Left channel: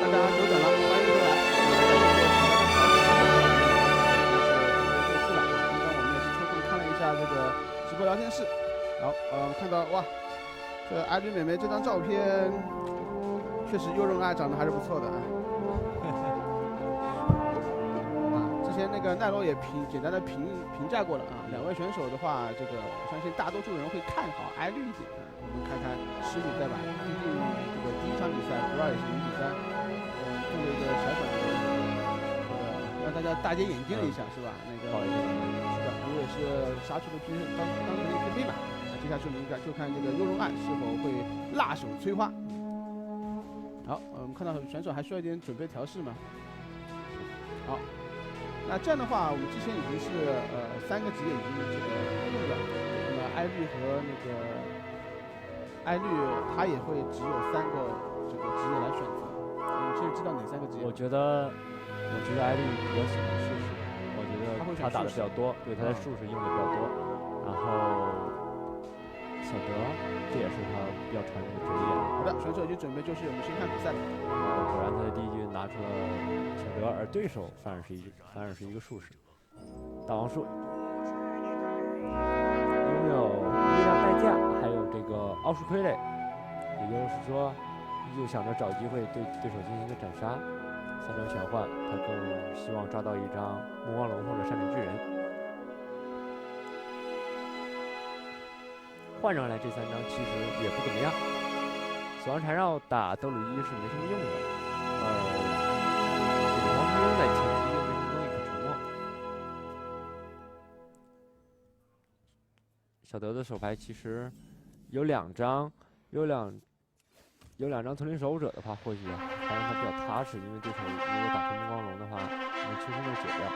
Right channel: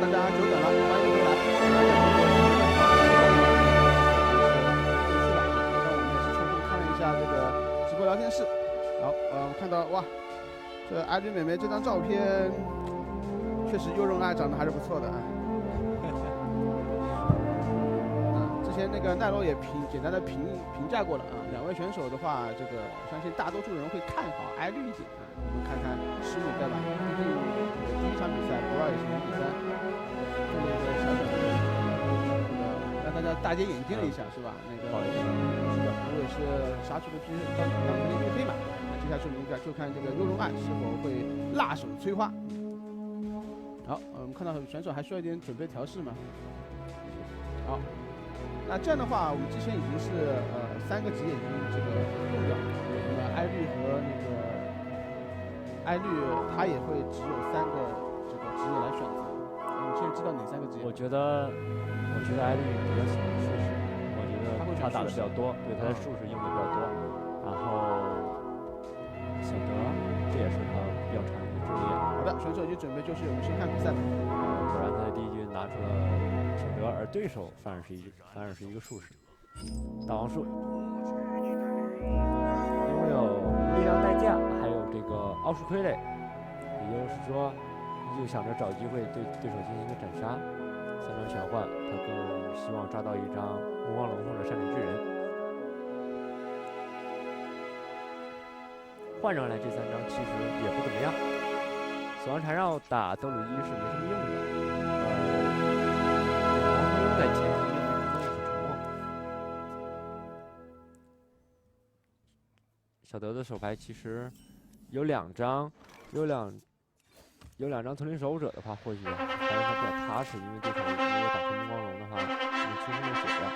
大家久等了，欢迎回来。刚刚我们也是抽空看了一下这个直播聊天室，然后我看到哇，这艾绿美眉这张照片，确实优容爱长得还是不错的啊。之前那个奈罗也简单的评价过了啊，两位选手的话，这个我相信大多数人会看好艾绿一点啊。我们看看师母对吧？毕竟这个第一场比赛不二也是0比3，做了一个小小的这个让大家大跌眼镜了一下，是吧？那个是的，不过也是杀出了当成了一匹黑马。那接下去我们就看这个优容爱是否会辣手摧花。好，我们看到选手还需要一点准备调试嘛？好。那这样的话，我们之前已经是3个职业已经这个用掉了。那么艾绿和那个艾绿，他也会只有3个这个职业来选择。你现在知道哪3个职业？我觉得艾绿比较喜欢术士，我觉得他打的比较多，对他的术士用的比较多。然后小德，这也是他比较常用的职业。好的，选手已经准备就绪，我们先看比赛。果然他的第一局拿出了小德，而对手反而是一个术士。大王术拥有力量代价，还有这个奥数傀儡，也就是说，又想着找机会对手进行一个斩杀。3张玄幻，他更希望抓到一张目光龙或者善脸巨人。换上来这3张其实也不怎么样。死亡缠绕打德鲁伊是没什么用的，这个王承庸在前期又没什么东西可沉默。小德的手牌其实有2张，有两张屯林守护者的话，或许还让他比较踏实，因为对手如果打出目光龙的话，能轻松的解掉。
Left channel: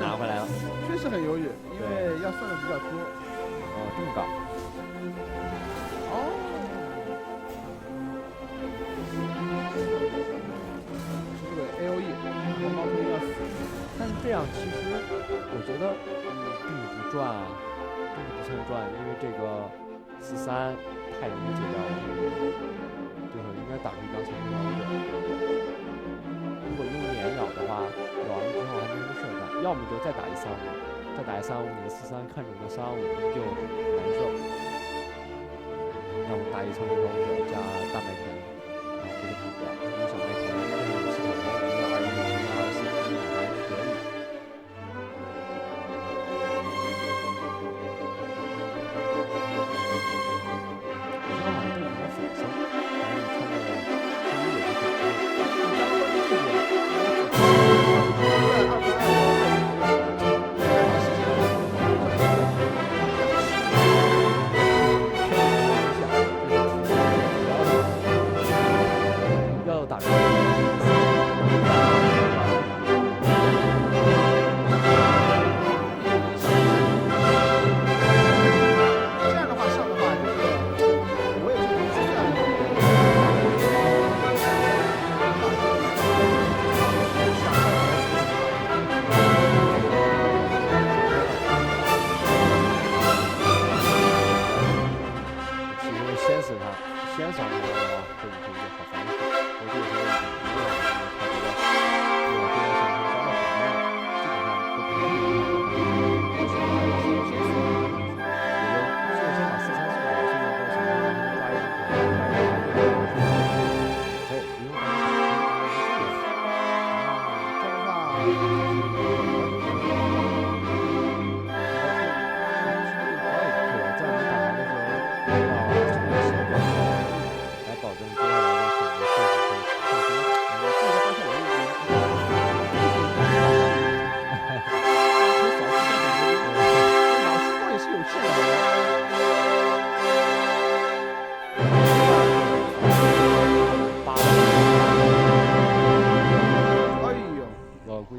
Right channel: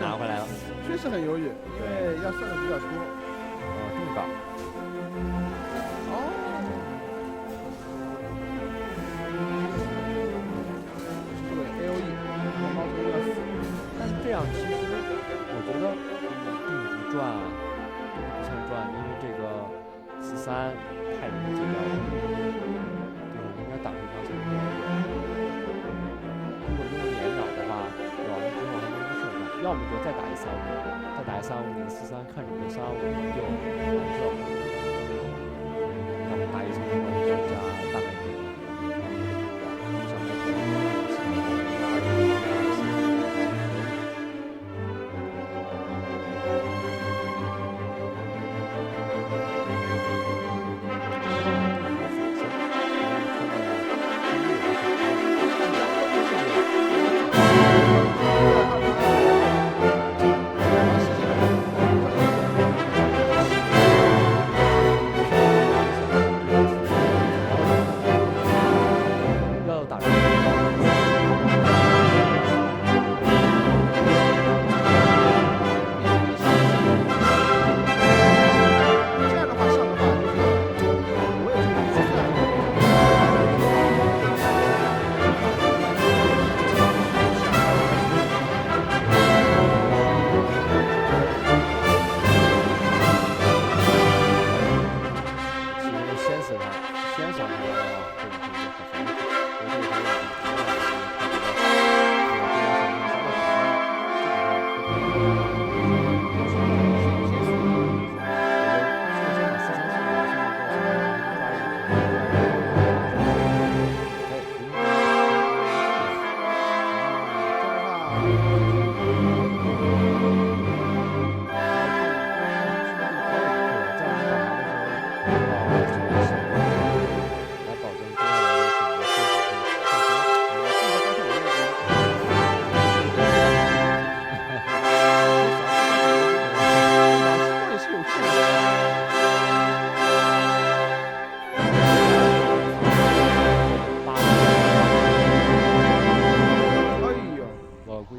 拿回来了，确实很犹豫，因为要算的比较多。这么高。是这个 AOE， 然后猫头鹰要死。但是这样其实我觉得并不赚啊，并不算赚，因为这个4-3太容易解掉了，对手应该打出一张3-2。如果用眼咬的话，咬完之后还没什么事干。要么就再打一3-5，再打一3-5，你的4-3看着我的3-5就难受，要么打一层那种加大麦田，然后这个主角，因为小麦田这样有系统攻，121、124还可以。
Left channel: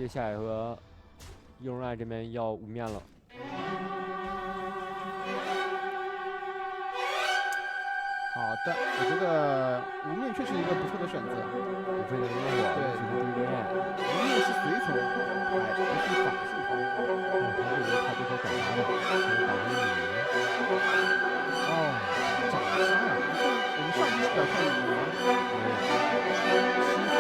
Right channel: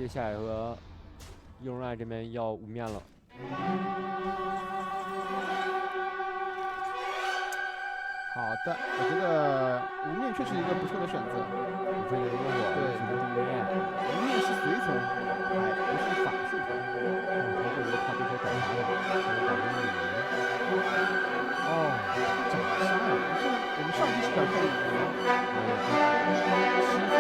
下一个易容爱这边要无面了。好的，我觉得无面确实一个不错的选择。无非的如果对无面是随从牌，不是法术牌。他这个他这个斩杀的，打成女人。哦，斩杀呀！我们上期是表现女人，7岁，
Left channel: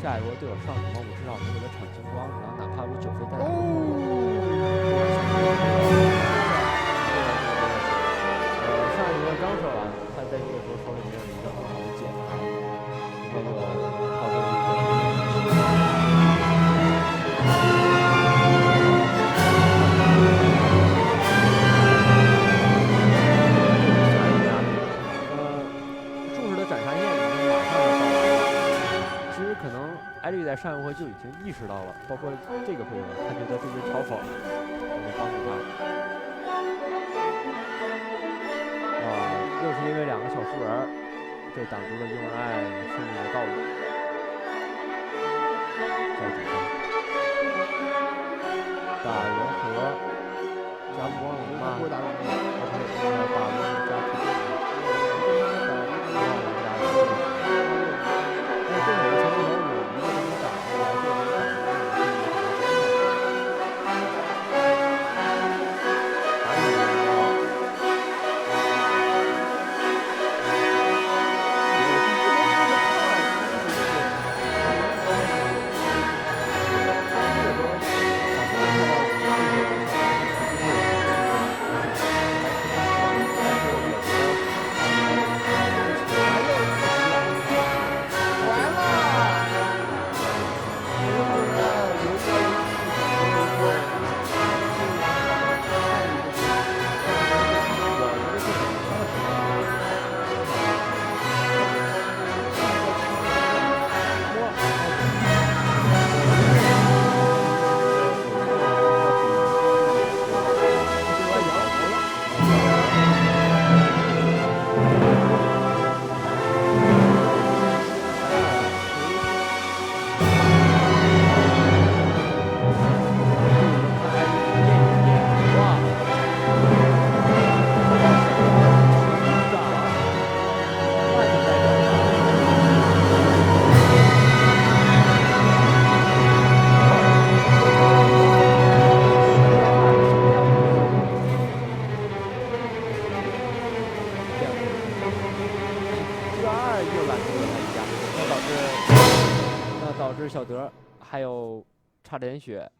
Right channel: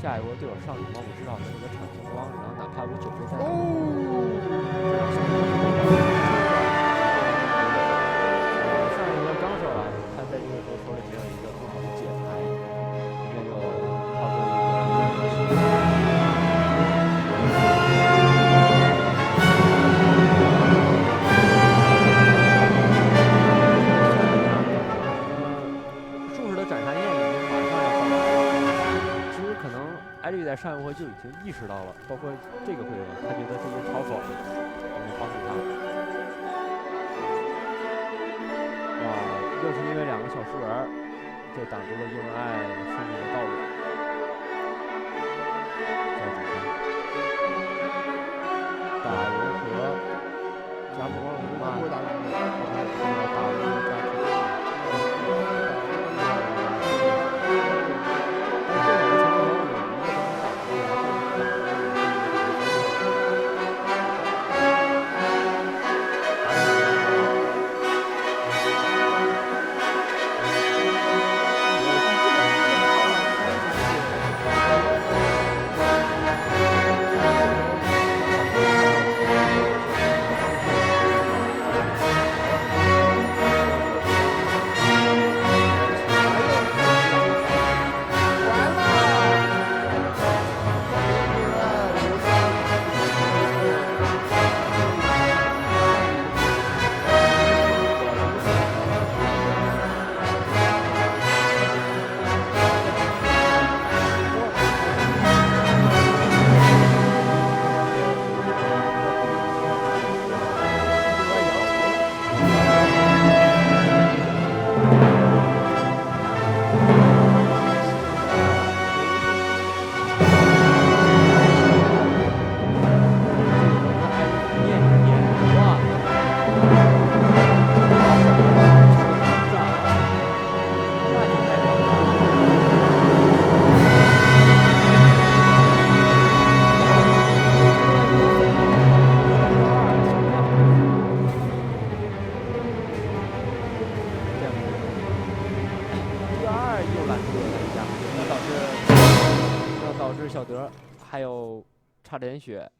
下一波对我上什么，我至少能给他抢金光，然后哪怕我9费再打。上一波刚说完，在这个时候手里没有一个更好的解牌，这就套出一个。重视的斩杀宴已经马上要到来了。其实可能艾绿在上一回就已经意识到了，包括这个回合，他觉得这些嘲讽能帮助他。哇，又是因为2个小树人，这挡住了英文爱胜利的道路。交主上打融合加魔龙吗？不会打融合，哦不是，应该打融合加突变。但是这两个前头有一个都能打出来，这个能打出来，也是一个很关键。还是很高。导致小德还有差点血，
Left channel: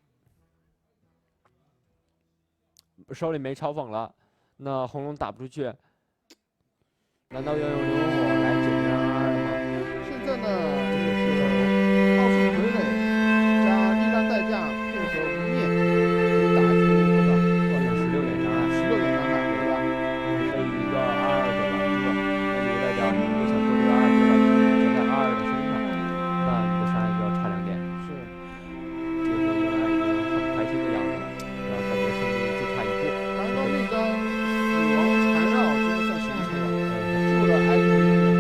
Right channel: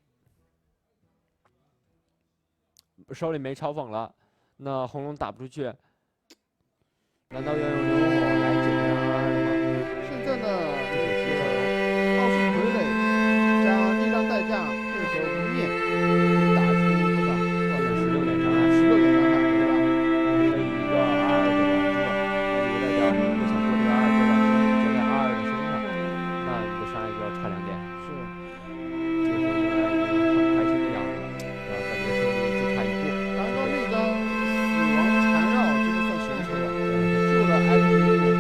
手里没嘲讽了，那红龙打不出去，难道要用流火来解决222了吗？现在呢，这就是奥数傀儡加力量代价配合无面，可以打出多少？16点伤害，16点伤害，对吧？被一个22给拦住了，那你代表你如果想做这个22，就把流火交在22的身上，那你的伤害就要差2点。是，这个时候应该已经很开心的样子了，然后感觉胜利就差1步。刚刚那张死亡缠绕真的算神抽了，他救了艾丽的命，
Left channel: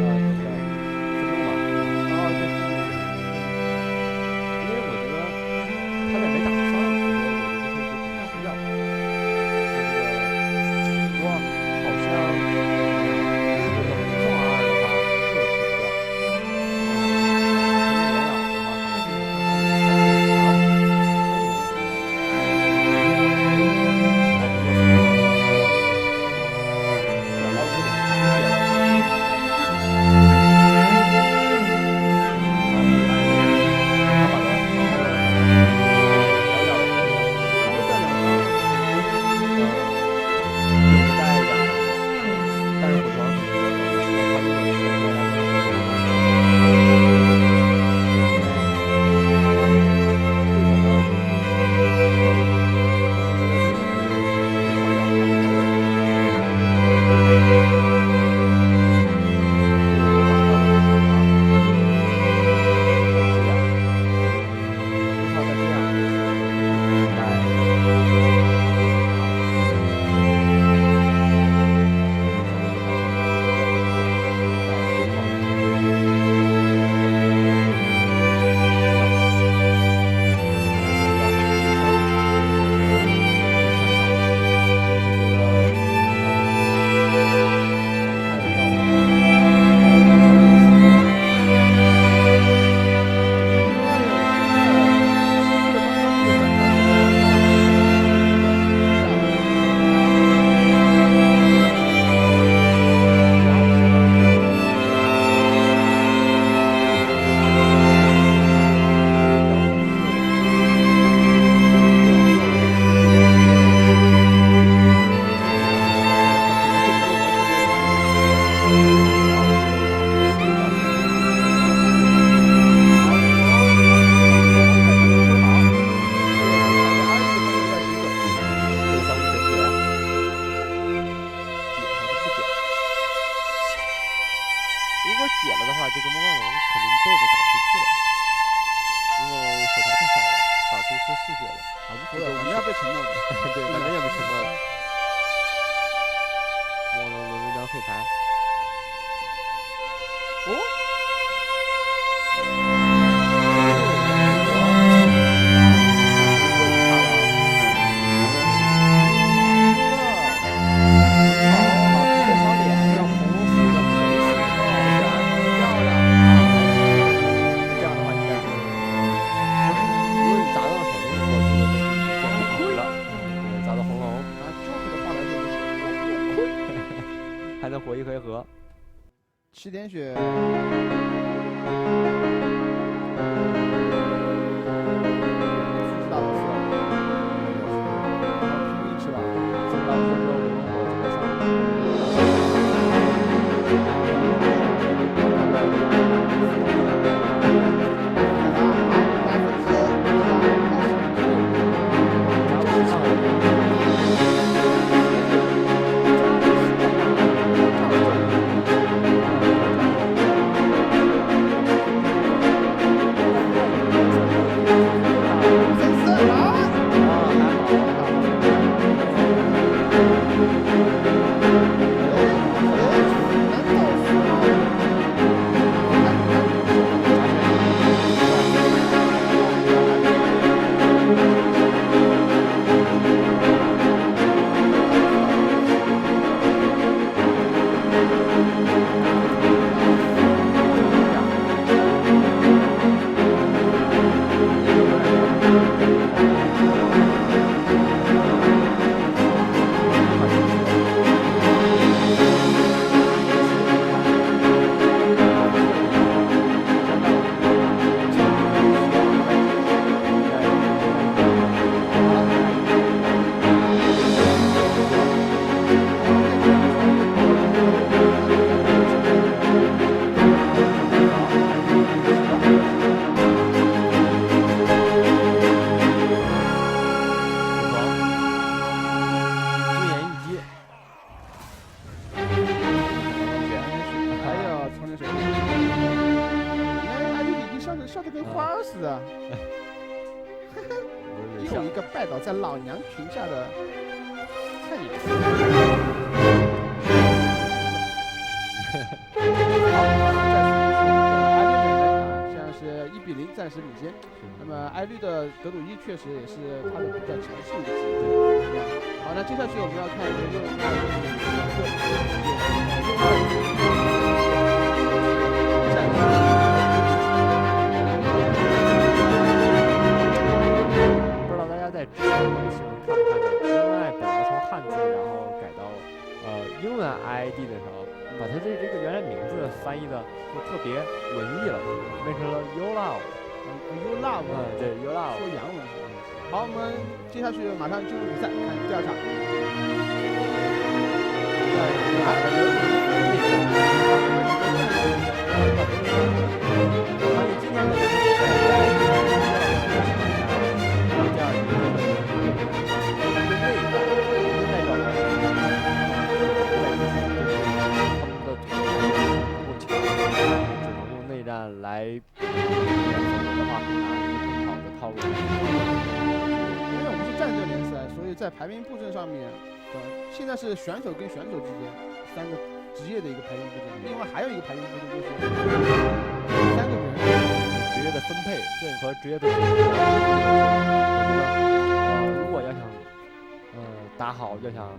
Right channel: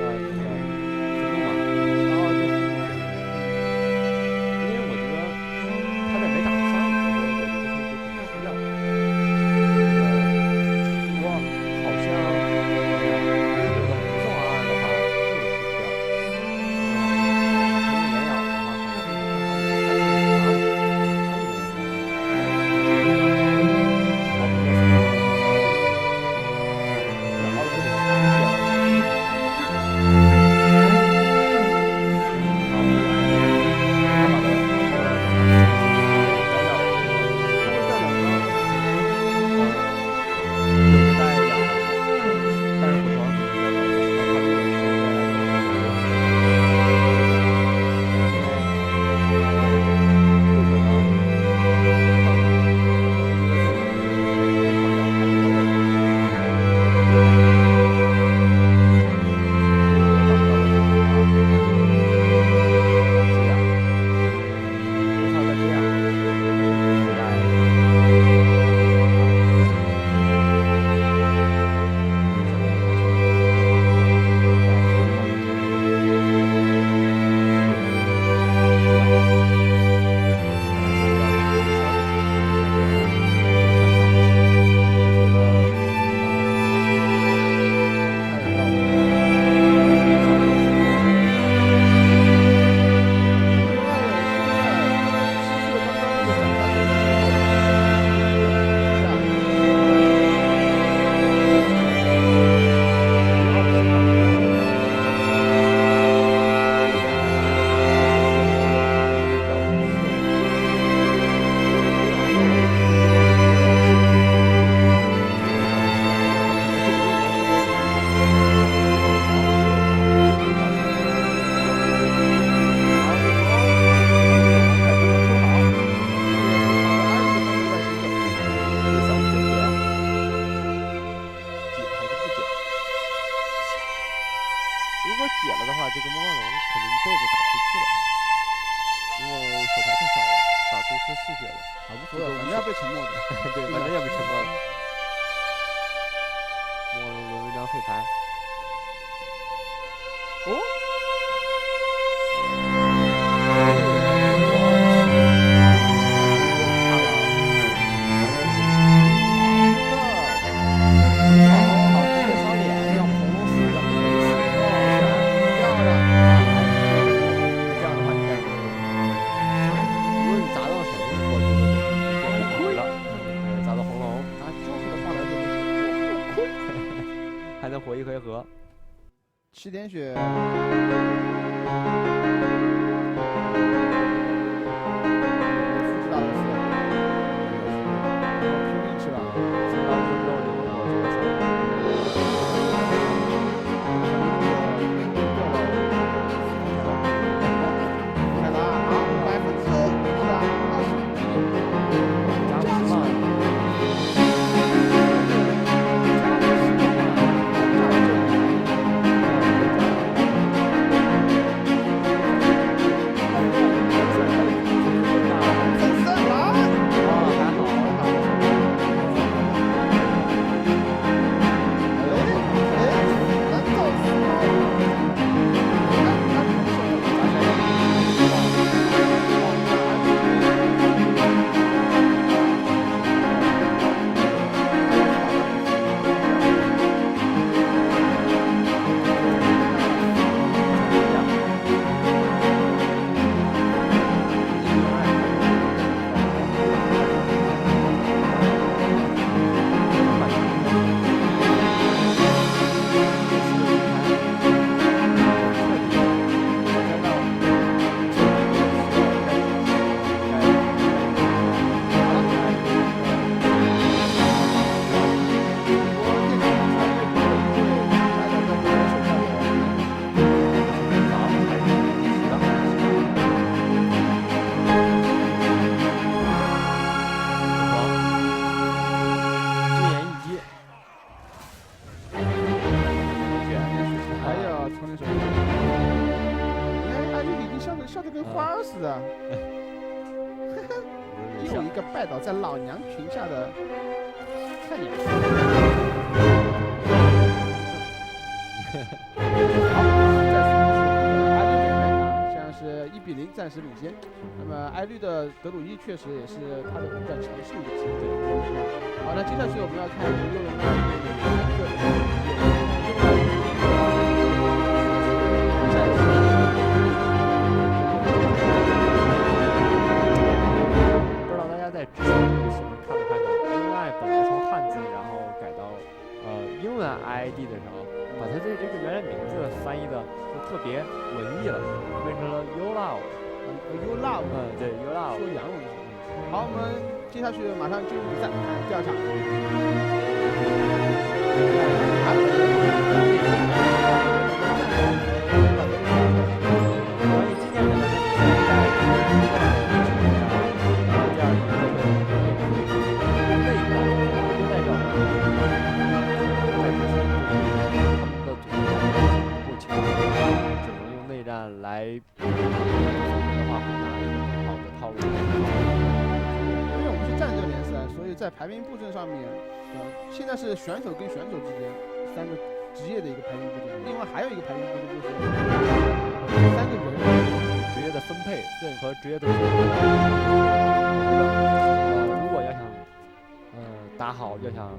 那个自助嘛，然后就是，因为我觉得他在没打出伤如果解了的话，这个魔光龙肯定一辈子打不出去了，因为手牌太少了，打出是4血的。啊，无所谓，反正要被沉默的。对，反正要被沉默了。魔光龙轮一张废牌。哦。还能活一回合7点血，复制大螺丝，然后拼命吃吧，复制大螺丝之后灵魂火这个3看他啊，20%对吧？20%，加不上。笑得跟花儿似的。又一个拜倒在老娘裙下的菜鸟。好，再次恭喜我们的艾绿美眉啊，现在是1比0暂时领先。那么艾绿的德鲁伊确实也是他的比较强势一个机会，是吧？好，那接下去我们要看这个幽龙2对美2个幽龙2暂时。在之前这个新闻看没看到？因为本来从汉字然后改到英文 IID 的时候，把它的这个原来名字翻译的就特别文艺了，变成了 You Love。You Love。对 You Love。说洋文是。好，我们接下去马上进入比赛，看第二场。关于今年的比赛，第二局的会变成一个内战，就代表了在之前他们的组织还不够强，只能用内战来，否则的话会拿一个更好的套路。因为我们是战阵联赛，所以在排名布阵上面，现在是选手跟选手之间3个职业的一个排名布阵，另外还有一个排名布阵就是3个人职业的分配和职业的组合。如果要想打好，要想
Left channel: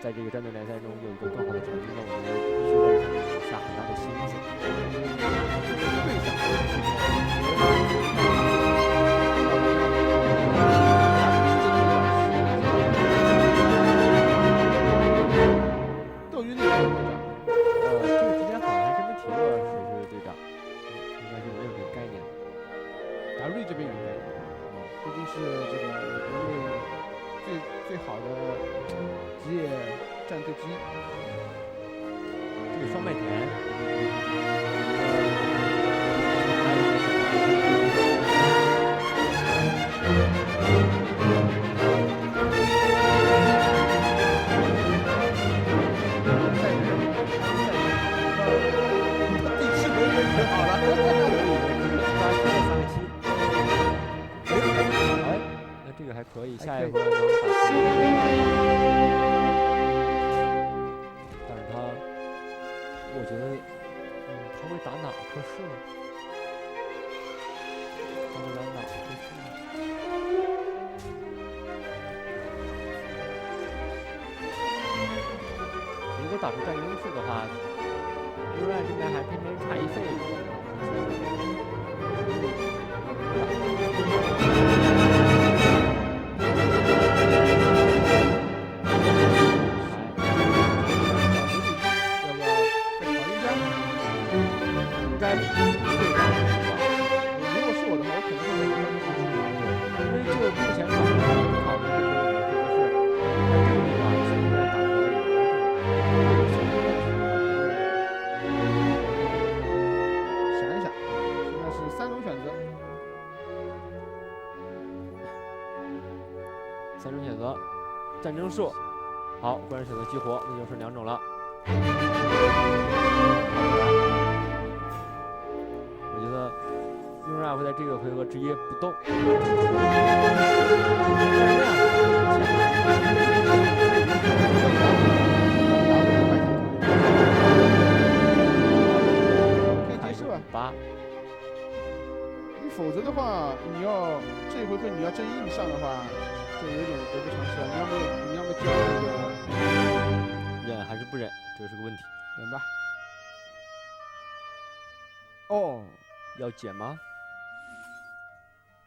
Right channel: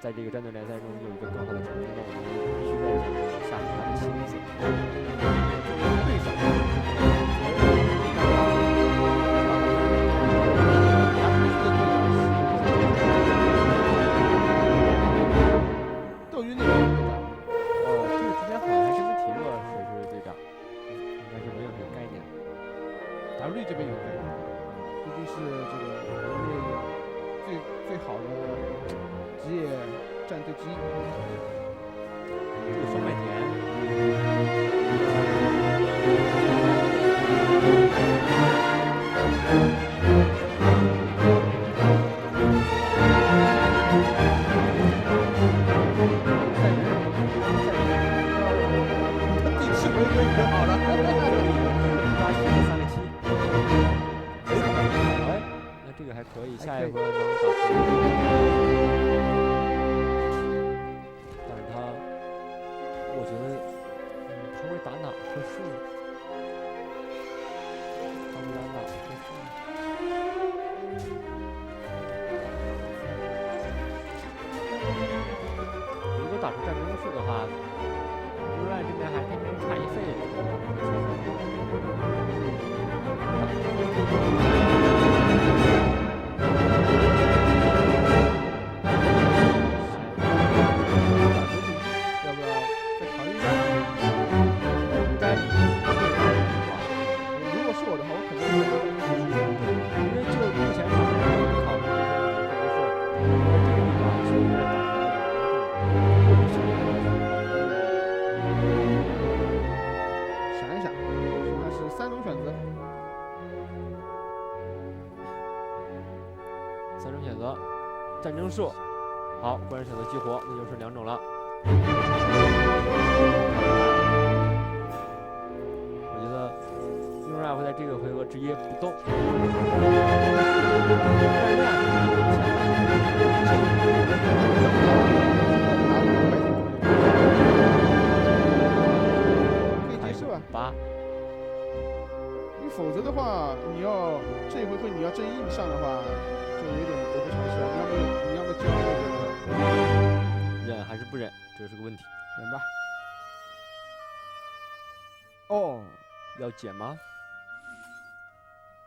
在这个战队联赛中有一个更好的成绩，那我觉得必须在这上面下很大的心思。对上，斗鱼那边有队长，这个之前好像还真没提过谁是队长，应该是没有这个概念的。W 这边有概念，毕竟是这个国内最好的职业战队之一。这个双麦田，回归就好了。这里抓取了3个7。哎，那这个还可以，下一回能打出。但是他，我觉得，他会打哪棵树？他会打哪棵树？如果打出战争树的话，另外这边还偏偏差1费，要不要再考虑一下？应该会打出吧。如果是我的话，我肯定会选择战争树。因为就目前场面考虑的时候，是不是在这个地方现在打出来有一种想一想，现在是3种选择。 3种选择，战争树，好，果然选择激活，那就剩2种了。我觉得用爱会在这个回合直接不动，但是那样可以接受啊。8，你否则的话，你要这一回合你要真硬上的话，就有点得不偿失了。你要么就那个忍还是不忍，这是个问题。忍吧。哦，要减吗？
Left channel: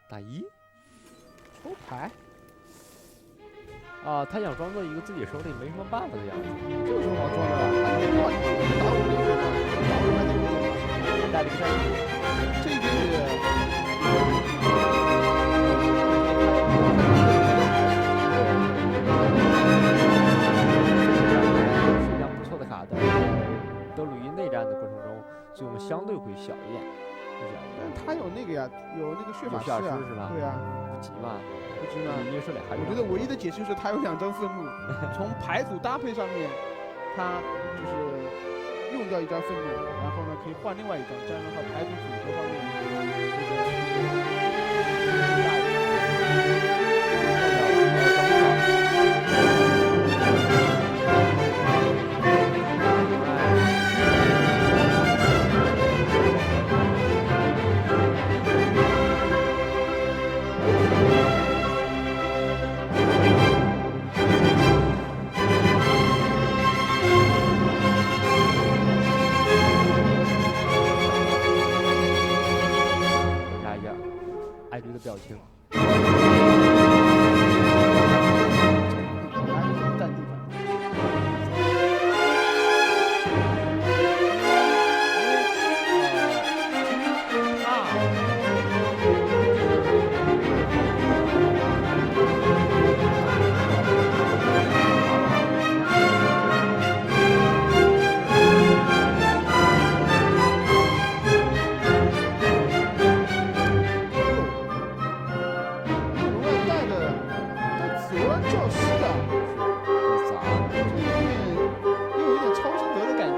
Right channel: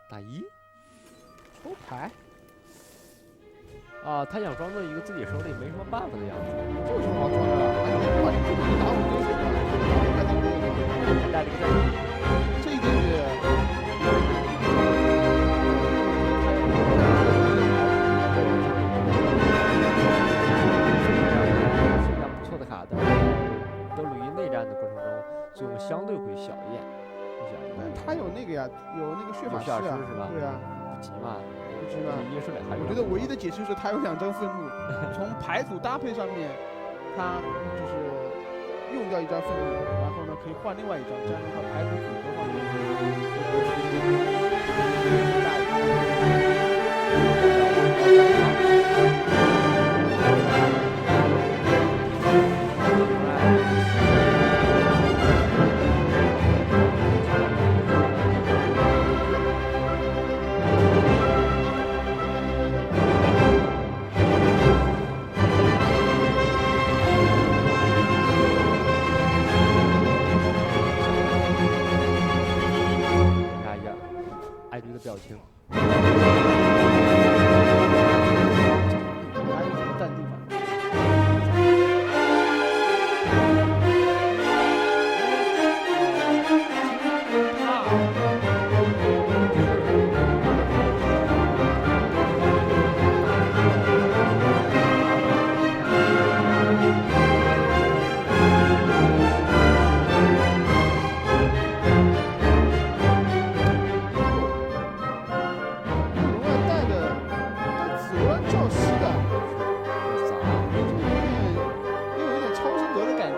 打1，抽牌啊，他想装作一个自己手里没什么办法的样子。这有什么好装的了？而且哇，你这个打5点血的，打5还得可以吗？还带了一个战役，这一点血。 是一张不错的卡，但是德鲁伊内战的过程中作用相对会小一点，但他有那个呀，有那个血法师啊，是吧？对啊，不急嘛，不急嘛。一个射2还是。我觉得唯一的解释就是他有2张愤怒，从牌组搭配上面，他就是用掉1张愤怒，然后呢可以换另外1张，这样的话牌组组合方面大一点。 观察一下艾迪的表情。 还是怎么淡定法？教师的，咋？又有点超声德的感觉。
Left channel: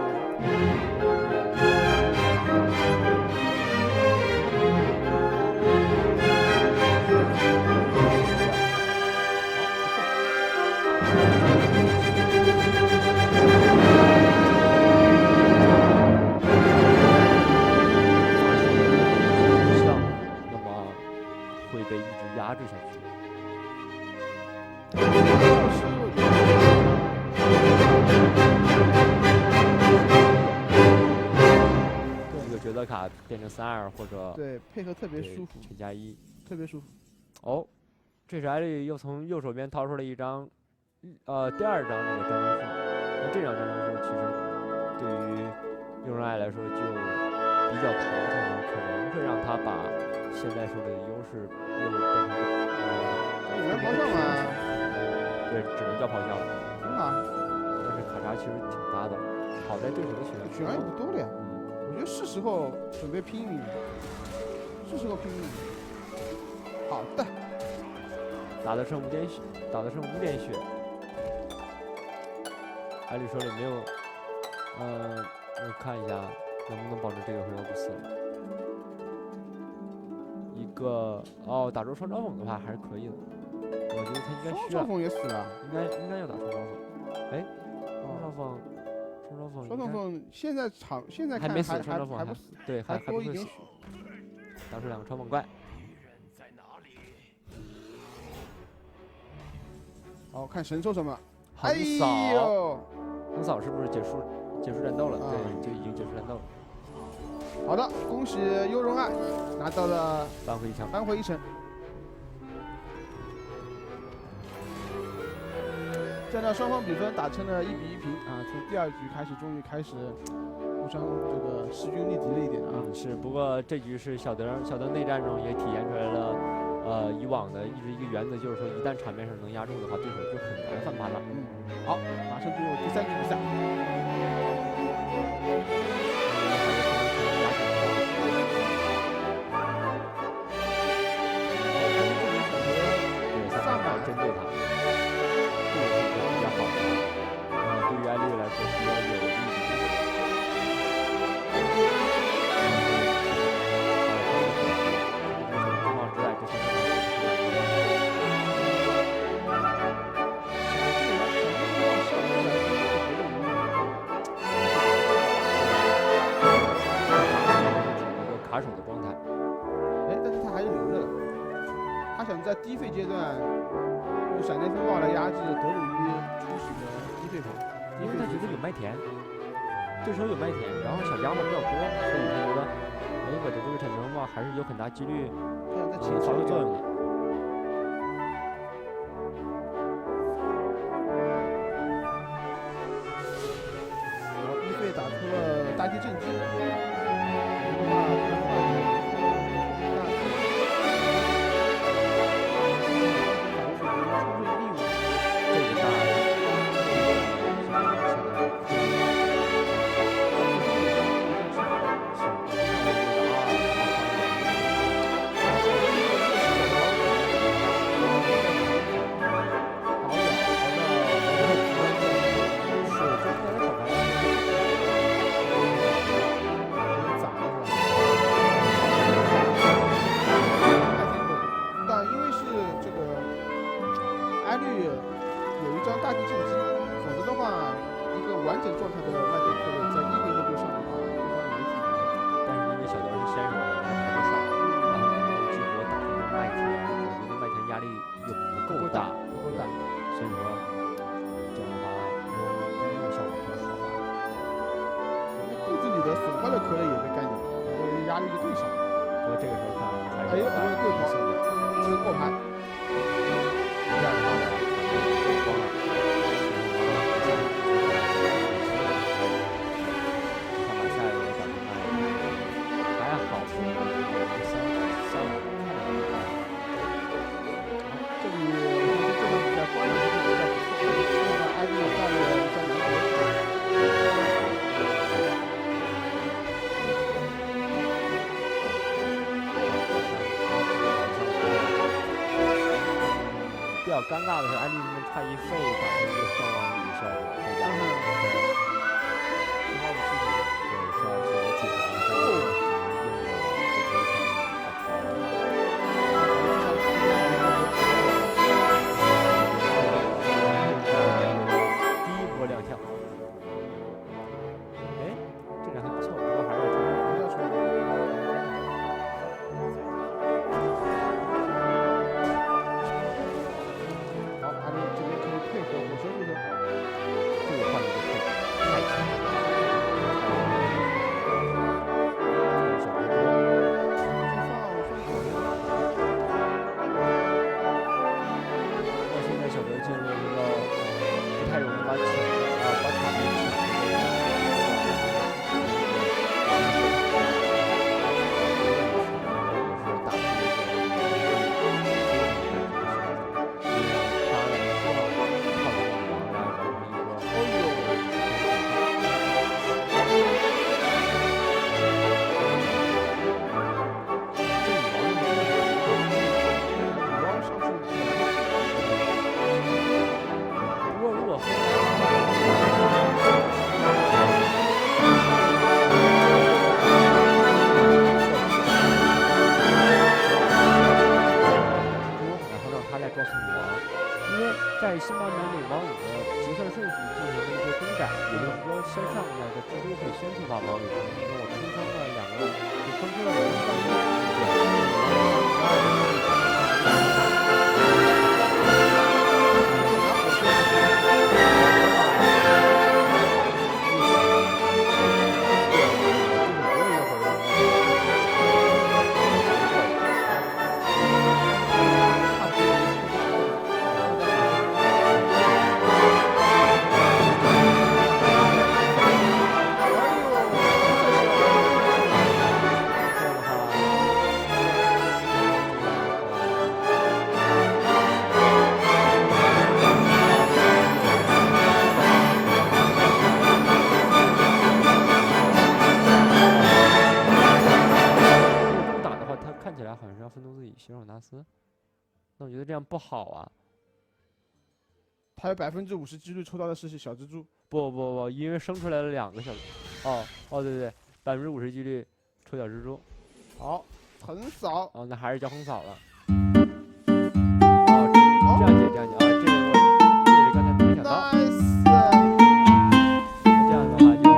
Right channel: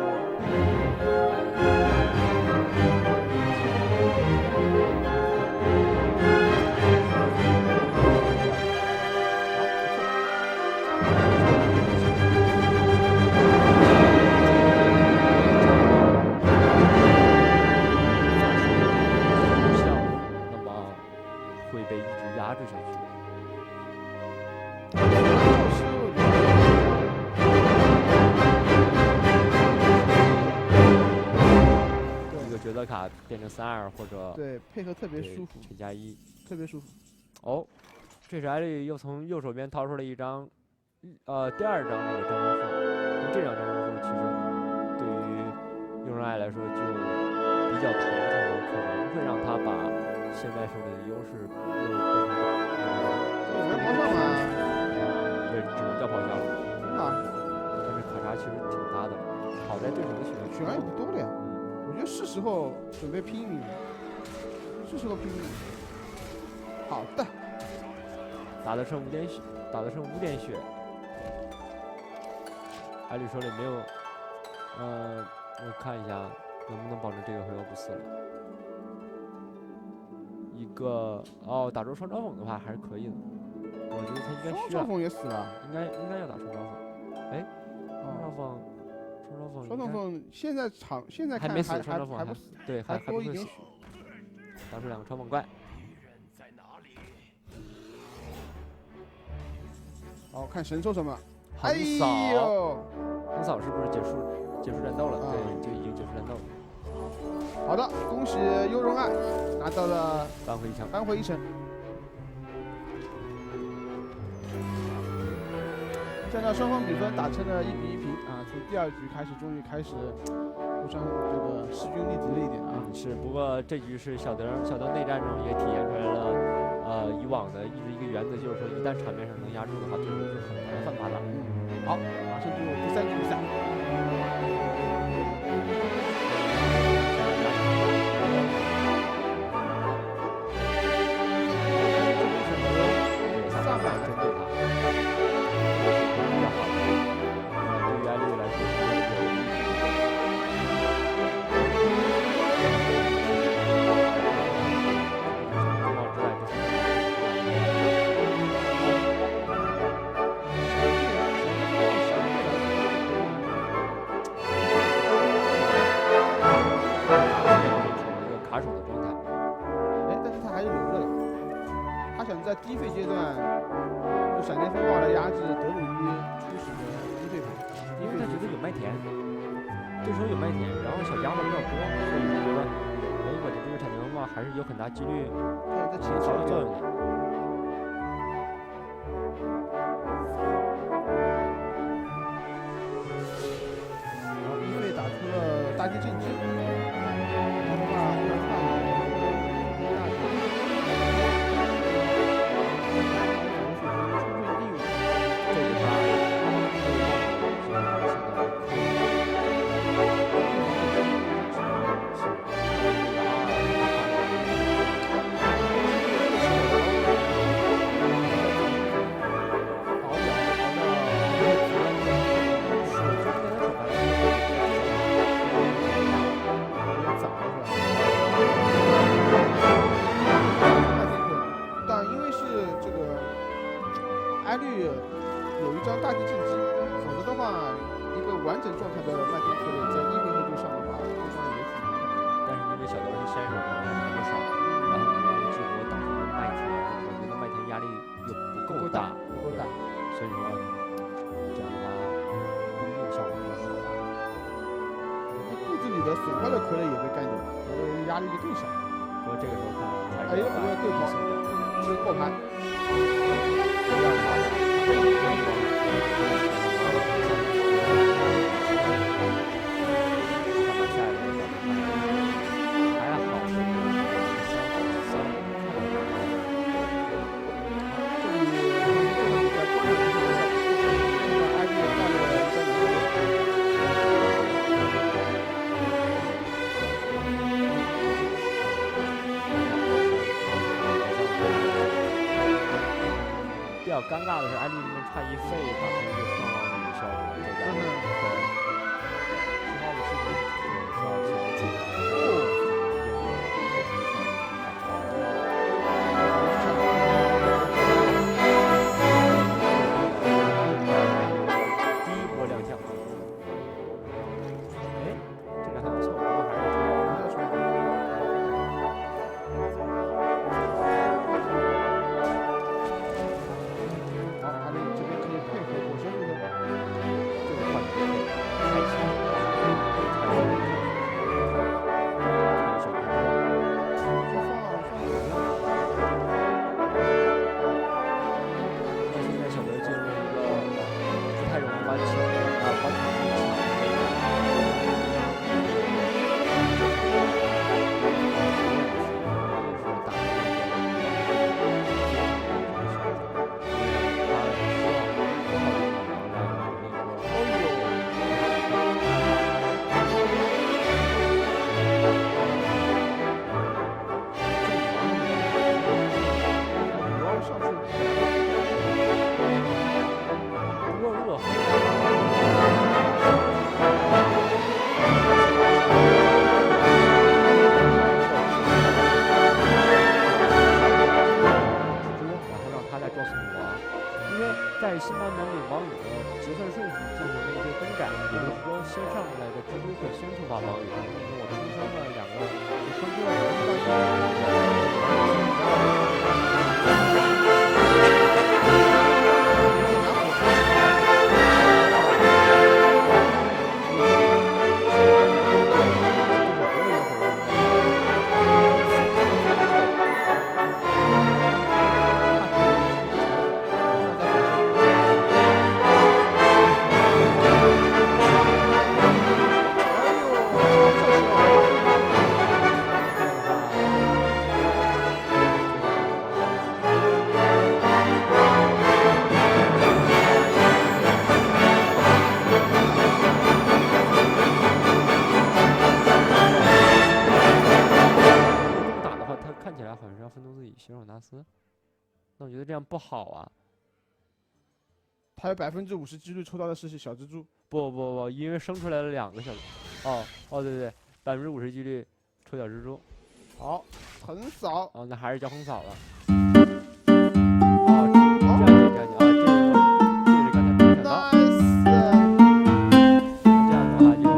那么会被一直压制下去。 一个角色卡变成3-2或者对配合特别舒服，全加1，特别舒服。哦，这时艾利又从右手边掏出了一张，第2张那个战争树。那这张战争树其实对于用人爱来说就比较头疼了，可能会让他把现在手里的优势又变成有人咆哮吗？对，只能叫咆哮了。挺好。但是卡查其实挺大的，好在对手的血量也不多了呀。我觉得是时候准备拼一拼了，是时候拼一拼。好的。打得剩5点血，打得剩5点血。艾利手里没有，我看一下，能不能保证这个回合不死了？一个打中双招讽的话还是可以的，我觉得他应该需要，双招讽也死了，应该要打双招讽。哎，双招讽双招讽现在看还没死，双招讽还不死，对，还不会死。打出2个超猛怪。好看神兽什么？横扫，哎呦，横扫是不是结束战斗了？对，就已经结束战斗了。好的，恭喜优荣爱拿到了扳回一城。扳回一城。现在双方比分打成了1比1平啊！从第2局开始，终于开始互相这个势均力敌了一点啊。是，不过这局是小德内战中也体现出来了，以往的一个原则，就是说一旦场面上能压住的话，对手就很难翻盘了。好，马上进入第3局比赛。针对他，这个是比较好的。对于艾丽来说比较有利的。除帽之外，这3个卡手的状态。哎，但是他还是留着的。他想在低费阶段用闪电风暴来压制德鲁伊初始的低费牌，因为他觉得有麦田，这时候有麦田，然后小家伙比较多，所以他觉得，哎，我的这个闪电风暴还是有很大几率起发挥作用的。然后一费打出了大地震击，不然的话也大的。法律水平充分利用这个大的，这个现在可以。艾绿有一张大地震击，否则的话，一个完整状态的麦田克雷在1回合就上的话，对方也挺难的。但是因为小德是先手，本来牌就少，然后你用激活打出一个麦田，我觉得麦田压力又不够大，所以说这样的话不一定效果会好吧。肚子里的损坏的壳类也被干掉，这个压力就更小。不过这个时候看还是不会对跑，这是过牌。这样的话呢，场面就光了，看把下一个打出麦，还好是3看得很好。这里这场比赛观点是比较不错，看到艾丽带了一张蓝球。比较尴尬的是，艾丽这边差1费打出一个双王女的效果，再加上15号的事情，对，15号是我解答的，应用了这波双女反包。第1波亮相，哎，这个还不错，不过还是要抽。好，阿丽这边可以配合火车速度，这个换的不错。在新版本里王宇的结算顺序进行了一些更改，也就是说先上来的蜘蛛会先触发王宇，你说我出生了2个，就生出了2个1张王看起来好像是要奋斗自己西尔纳斯，那我觉得这样不好啊。他有50%几率抽到的是小蜘蛛。不，因为生出来了2个小，对，50%几率抽小蜘蛛。好，横扫。哦，那还是叫横扫了。这样解啊，这个刚才没想到。这样的话就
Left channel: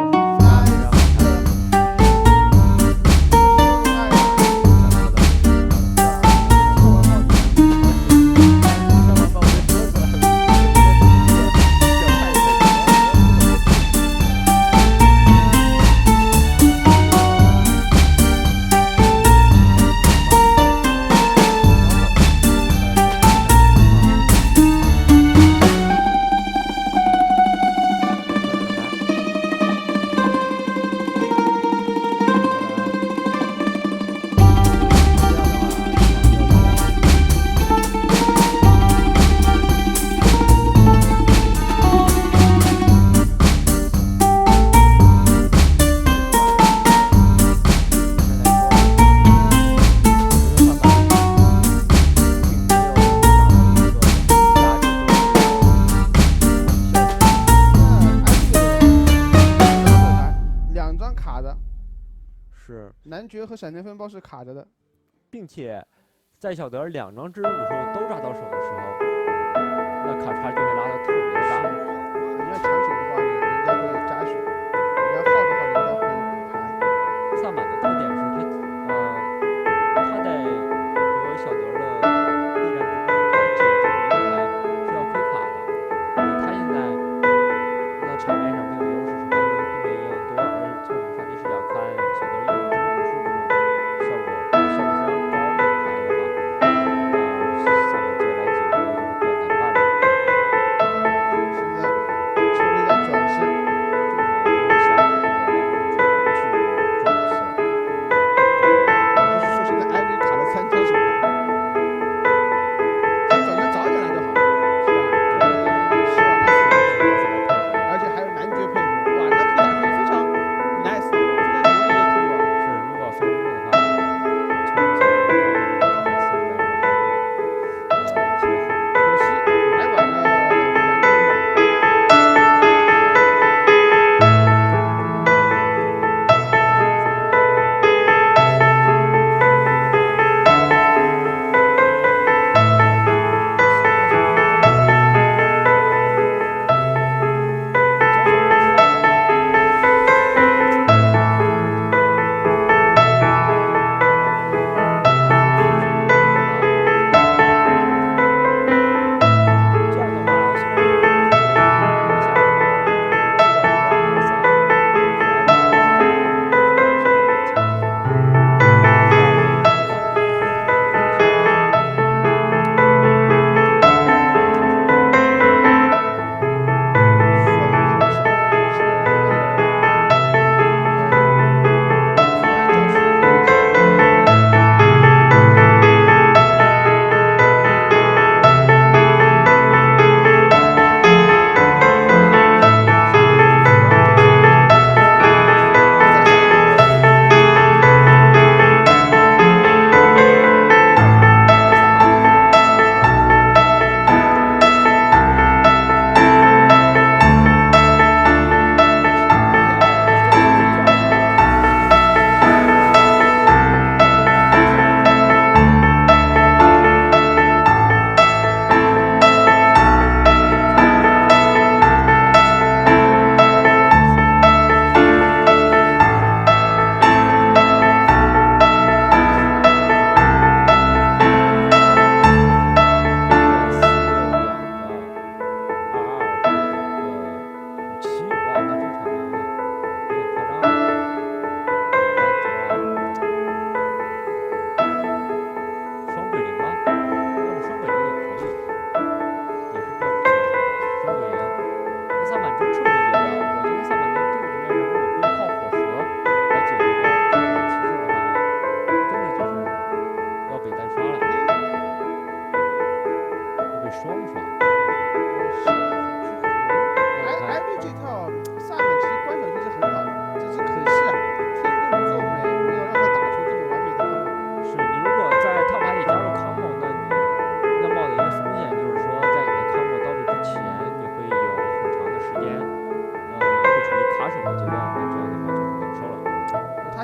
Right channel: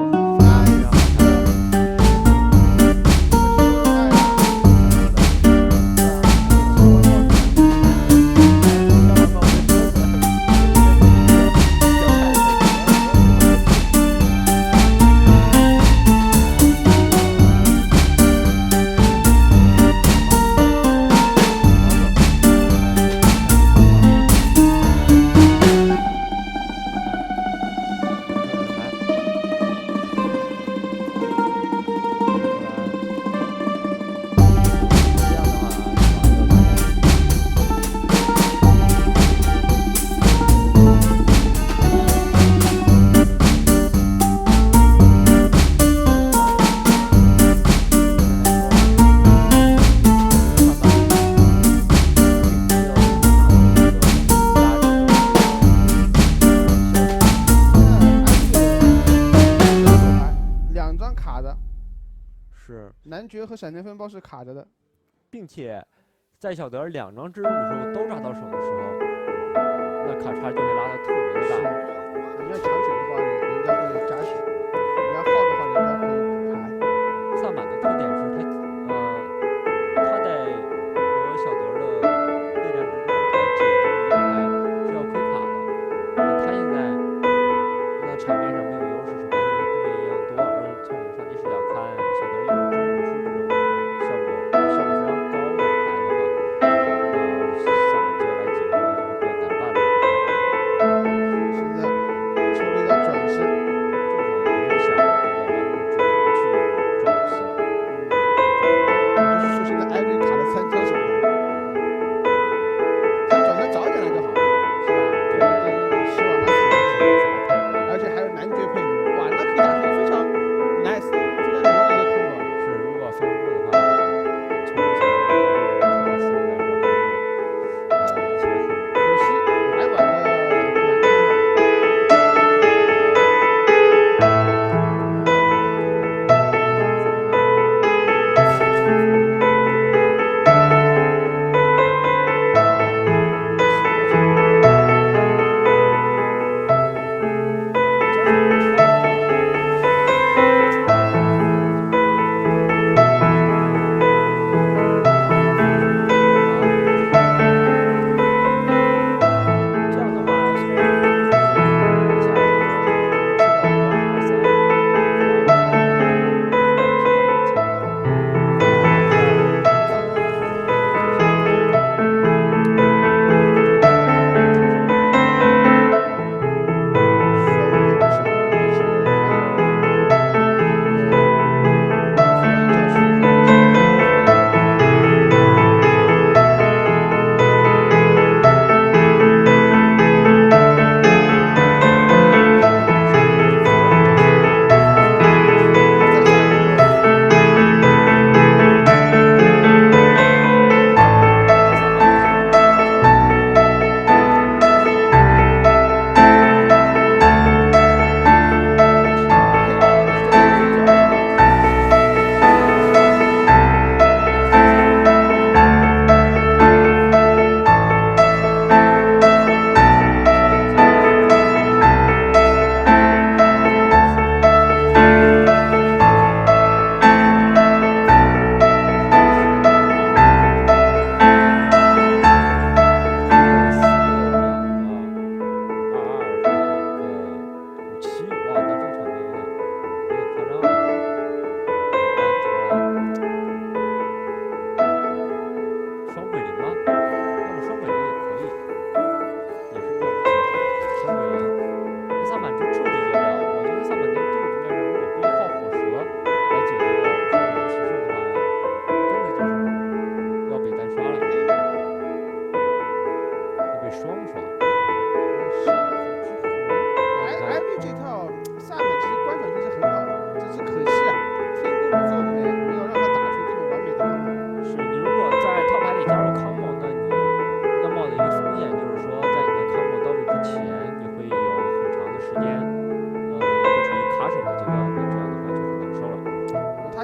男爵和闪电风暴是卡着的，并且在小德2张蜘蛛捕兽都抓到手的时候，那卡差就会拉得特别的大。你要抢血的话，人家会加血；你要耗的话，人家会补牌。萨满的特点是他在和小德的内战之中，他解这么一个牌是要亏卡的。那他现在那场面上没有优势，是牌跟对面一样多，而从我们上帝视角看，小德用蜘蛛捕兽这种效率非常高的牌的话，萨满接下来几个就会比较难办了。现在抽了一张转身，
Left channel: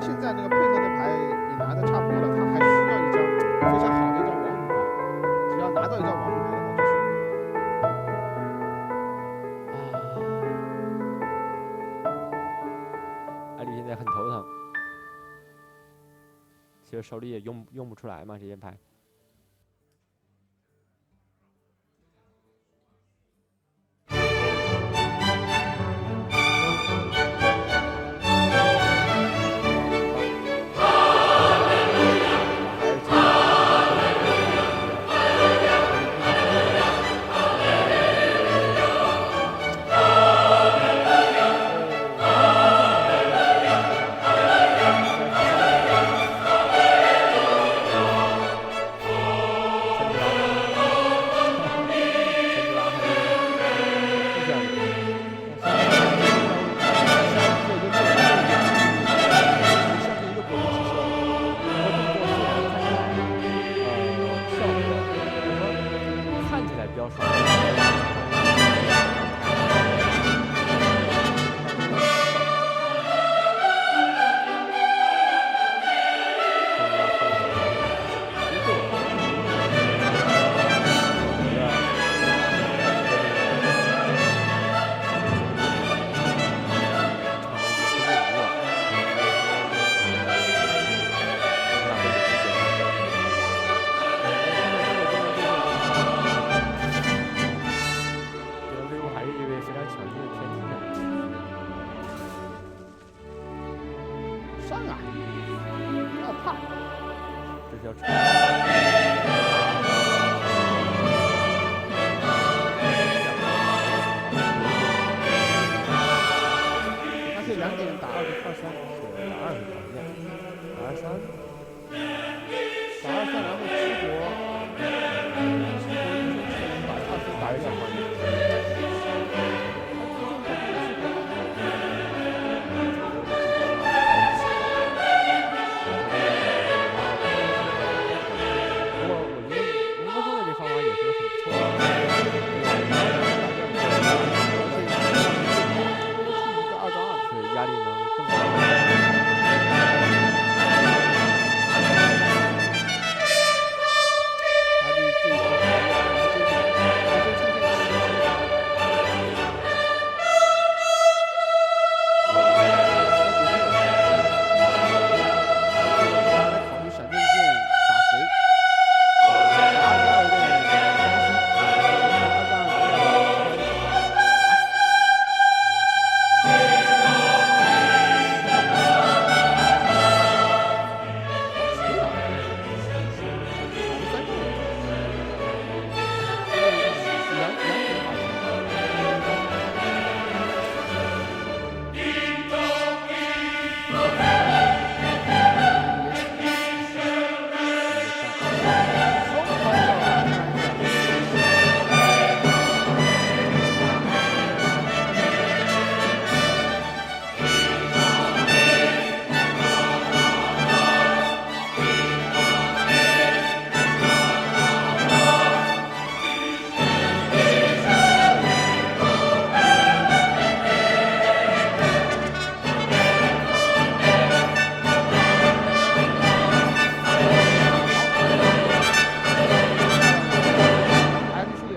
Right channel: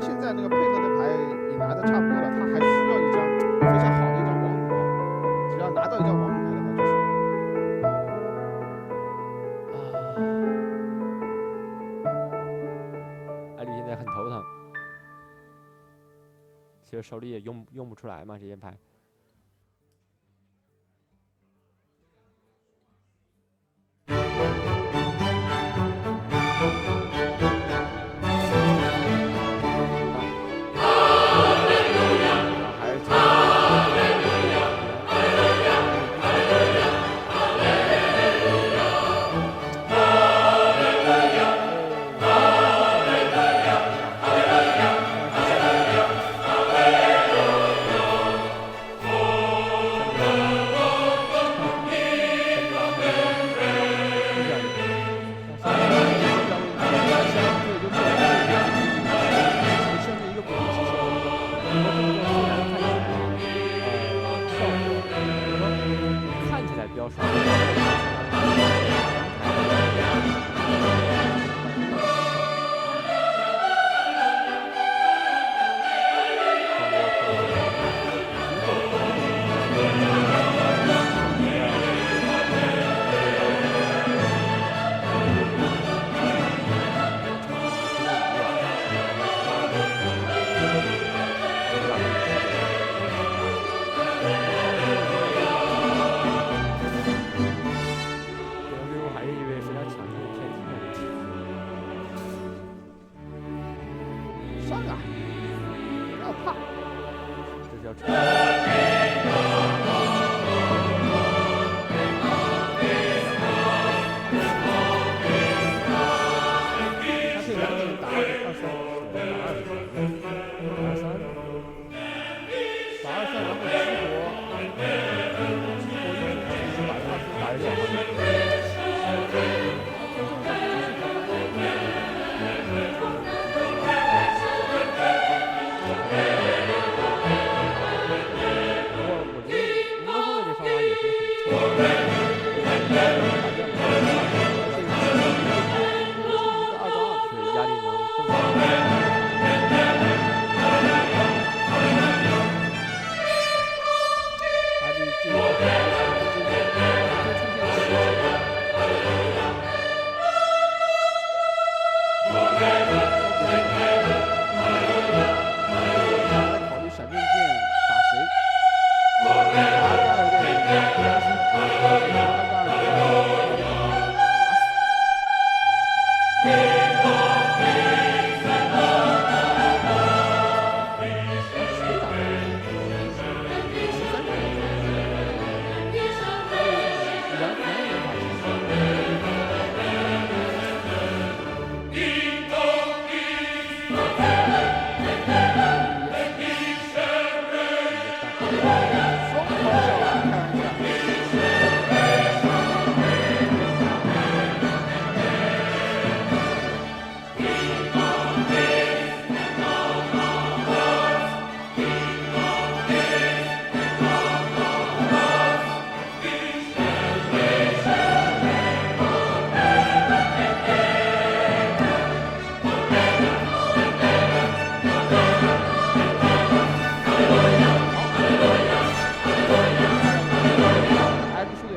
他现在那个配合的牌也拿的差不多了，他还需要一张非常好的一张王女牌，只要拿到一张王女牌的话就是。艾绿现在很头疼，其实手里也用不出来嘛这些牌。比较爽。上啊！不要怕，这是要扯。他可以2点打23，打23，打23，然后激活英雄技能把23打2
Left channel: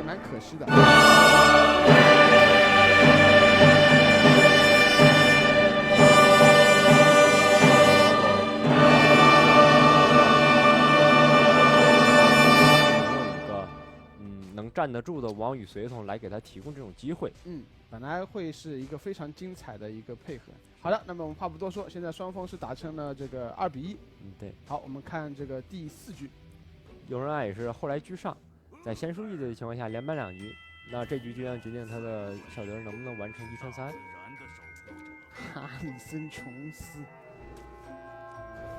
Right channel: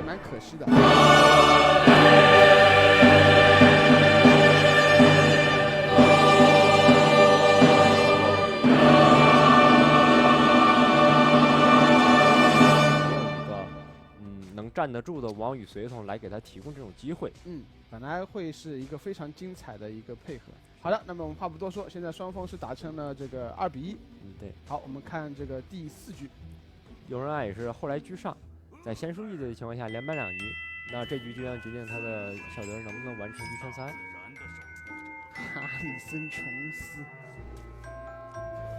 换可惜的。能站得住的王与随从来给他提供这种机会。本来会是一个非常精彩的一个配合。好的，那么我们话不多说，现在双方是打成了这个2比1。对。好，我们看这个第4局，有人爱也是后来居上，在先输1的情况下连扳2局，那这局就将决定他的小德能不能完成1穿3。哈里森琼斯，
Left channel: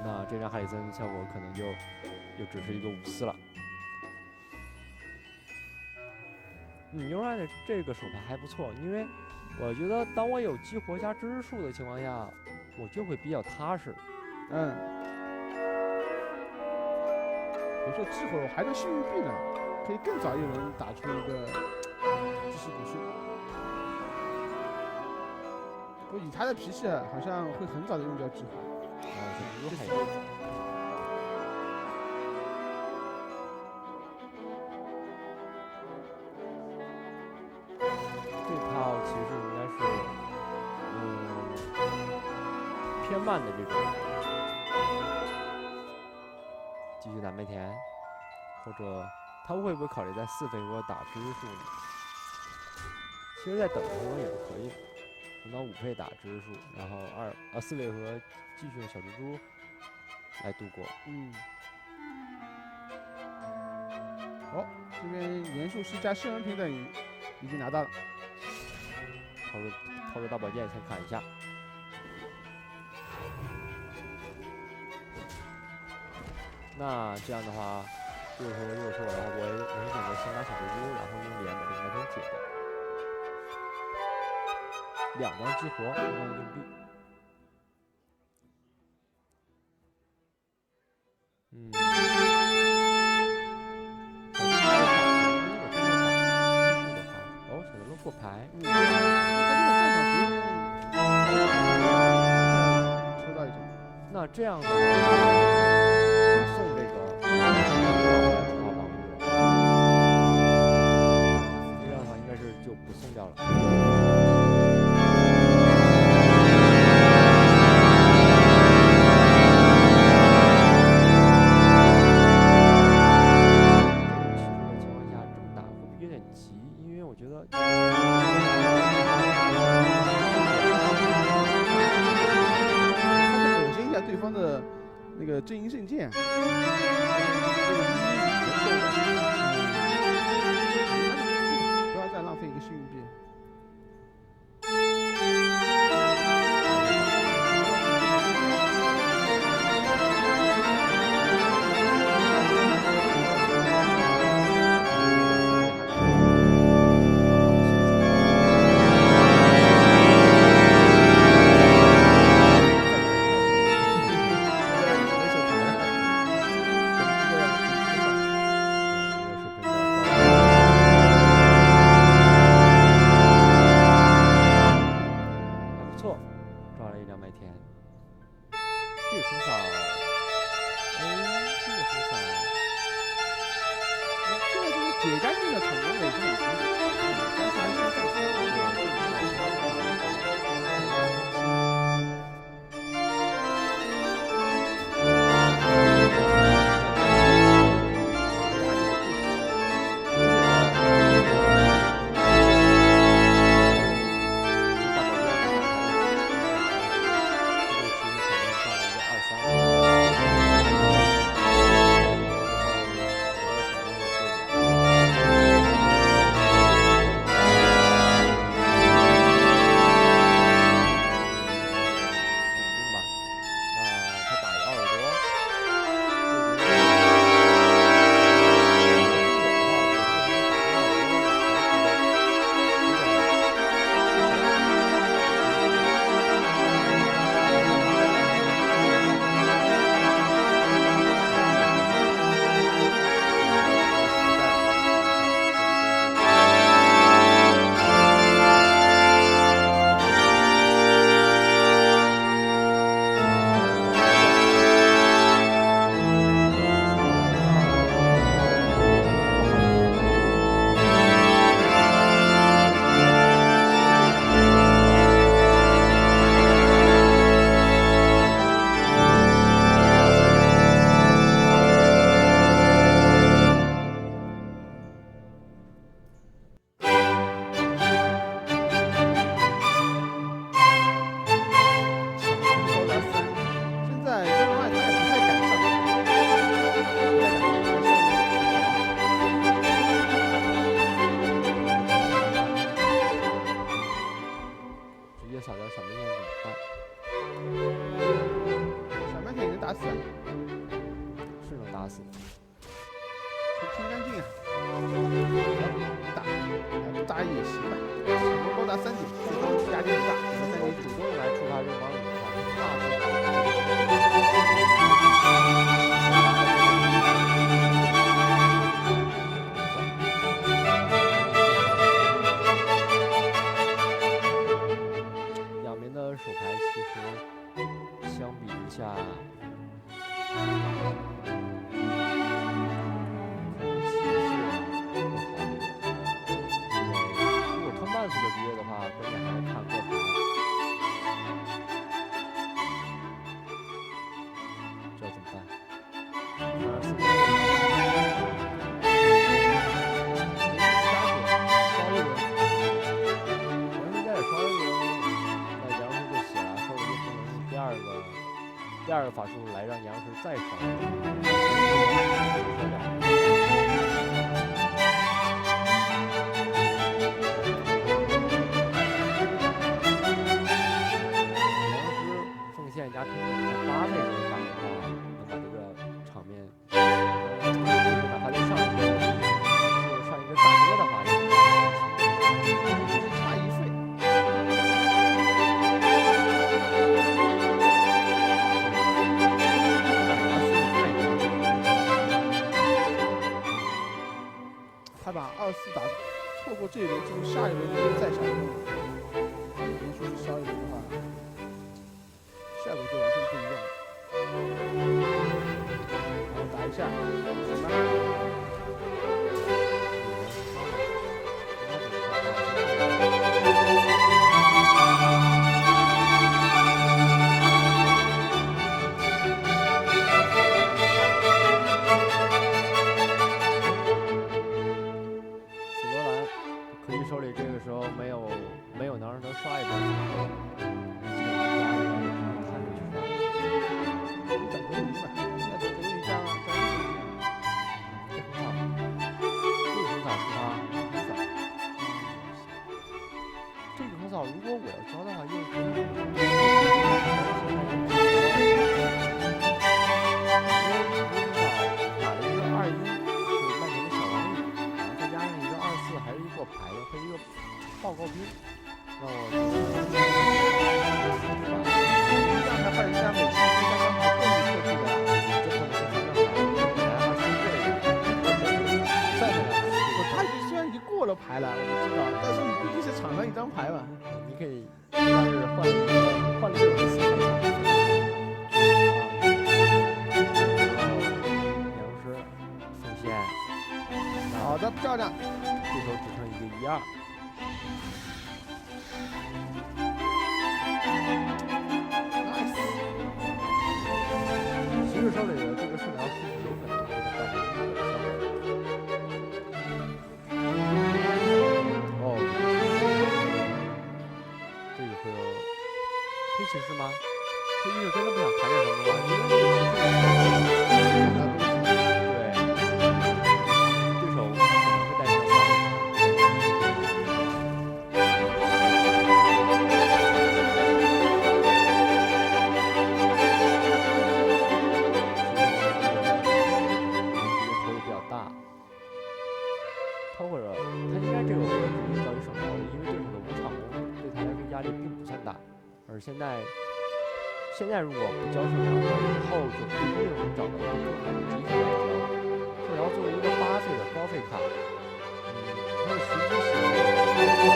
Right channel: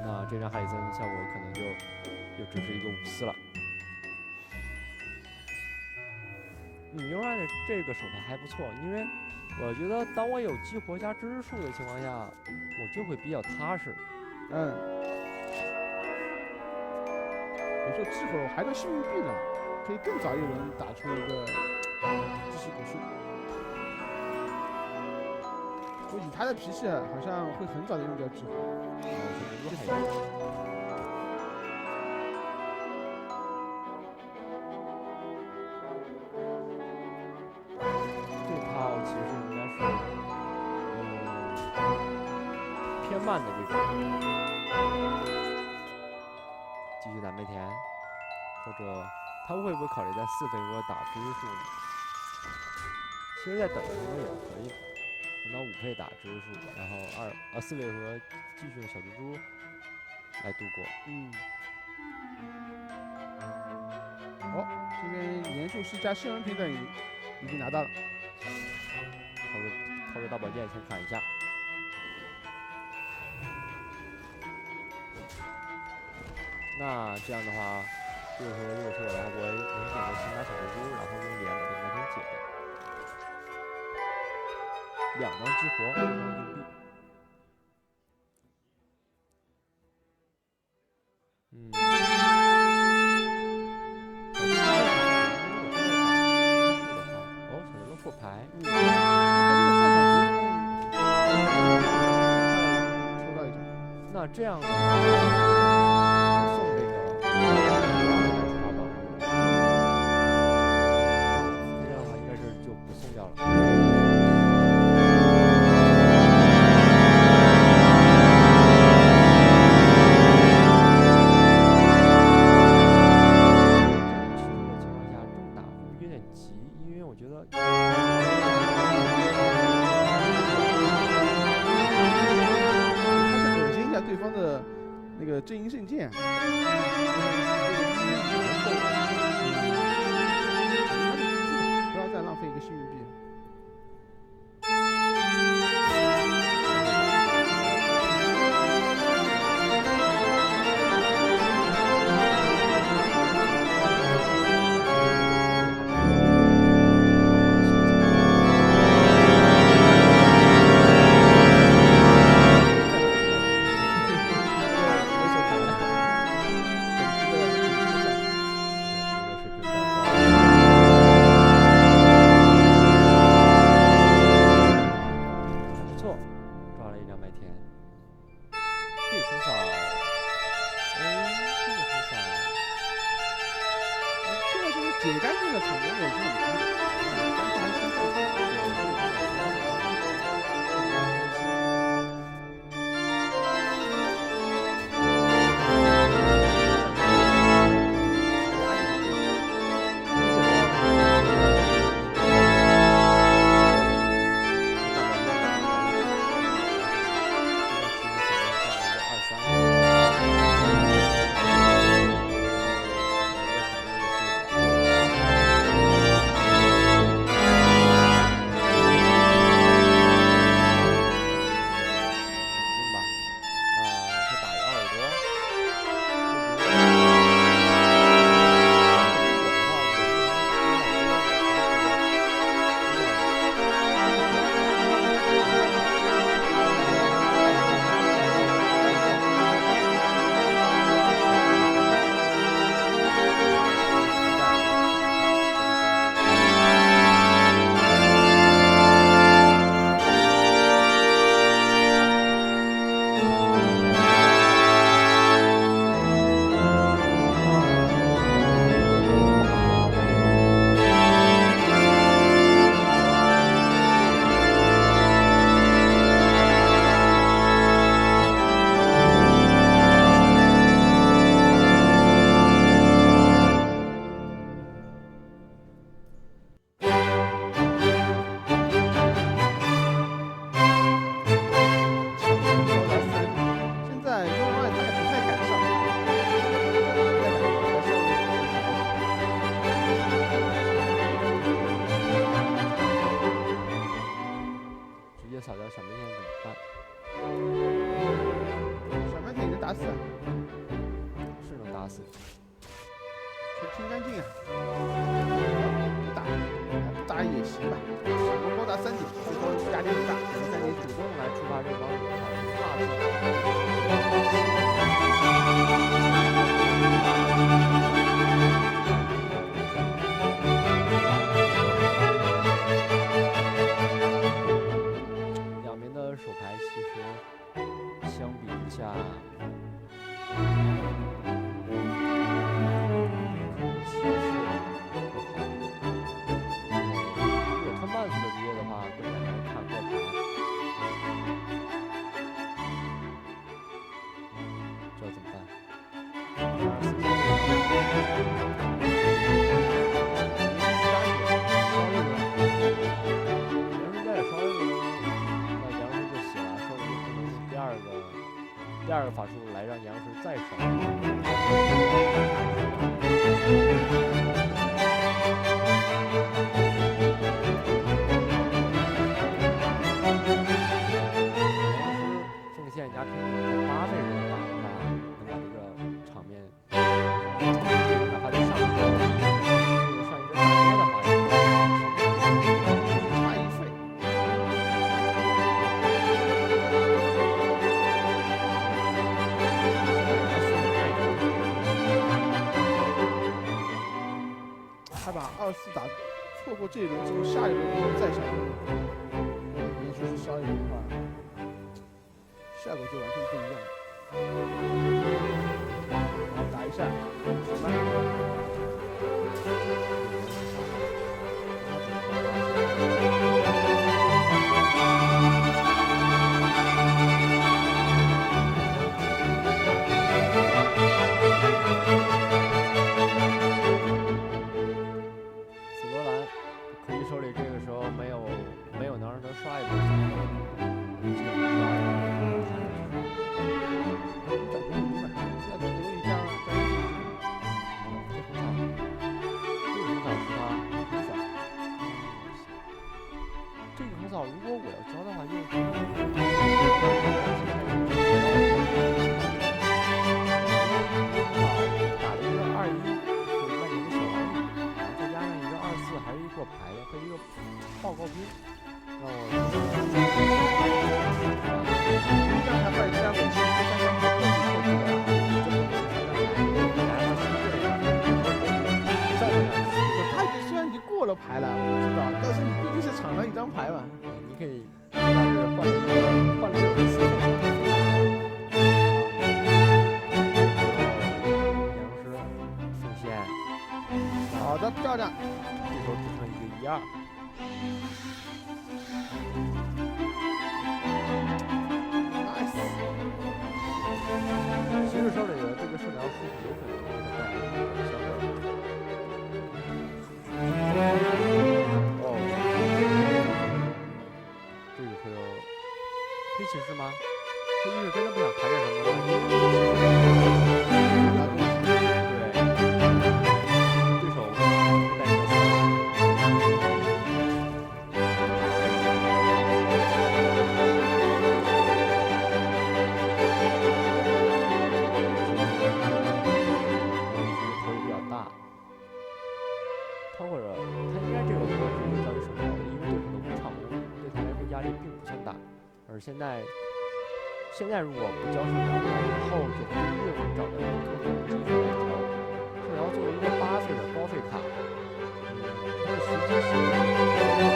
那这张哈里森效果可能就只是一个5丝了。牛爱的这个手牌还不错，因为我觉得当我有激活加知识树的情况下，我就会比较踏实。别说激活了，我还能幸运币呢，可以更早一轮打出一个知识古树。说以他的脾气，好像会很早的用掉激活。然后小蜘蛛还有。这套其实应该是，偏慢的这种，继续打麦田，或者他会不会考虑在4回合打知识树呢？其实，在等的时候也是可以的，等到5费打知识树，然后4回合继续用小蜘蛛来度过。这边连术师加诗人平等已经拿到了，掏出大宝剑先砍一下。那这样的话，如果是我的话，我能选择先拿小蜘蛛，然后用连把这个麦田解掉。2张激活，1张硬币。小蜘蛛过牌。抽到一张。那这样的话，送这个不让来触发防御了。这样的话应该是就不送掉了。我觉得，他想恶心一下对方的那个阵营圣剑，这个1已经够了，那就记吧，不要再浪费一个幸运币。解干净的场攻也是很多的，但是还是在说，清干净啊！不打也行吧，成功高达3点，最后压力很大，3点主动来触发这个帮主的话，大致两边的手牌其实相比一下。骑士更好一点，因为如果拖慢速的职业的话，关键还是看过牌。这怎么办？24分。双一轮，杨叔家也双一轮，那杨叔就死了，收了就不能用第二个法术来让杨叔再烧。奉献加平衡在8费人打的话，能把这个场面，哪怕就上一个大哥的话，也差1费。他把24打错过这一轮之后，下一轮如果再想用连续去烧一轮的话，效果就完全不一样。然后打一下，什么？紫罗兰，可惜手里这个时候没有能让他刷一波反手，基本上刷一波，看着去刷。你整个鱼嘛，要整个鱼加1手机。这很好，这个很好是他很早。这个很早，如果我要教的话，又可以。打了一个21，是曼联的小王宇，然后再加上一个24，还是一个过牌的和一个报告兵，让我这样才把人家美西第3张牌更错去的啦。这可能是3张牌，本来他新过了再3张牌。他虽然已经过了牌了，我知道，但是你毕竟是场上1张牌嘛。你可以，他是换了6个4费。好的，漂亮。这时候只剩一个1-2。nice。骑士手里的这个圣疗师有可能给他带来一个效果。哦，这个会有黑骑士吗？黑骑士真的不想抬点什么吗？因为这个骑士而现在如果不交圣疗，以后就不一定能找到一个更好的机会来交。圣疗作为一个8费的高费卡，它的时机性不好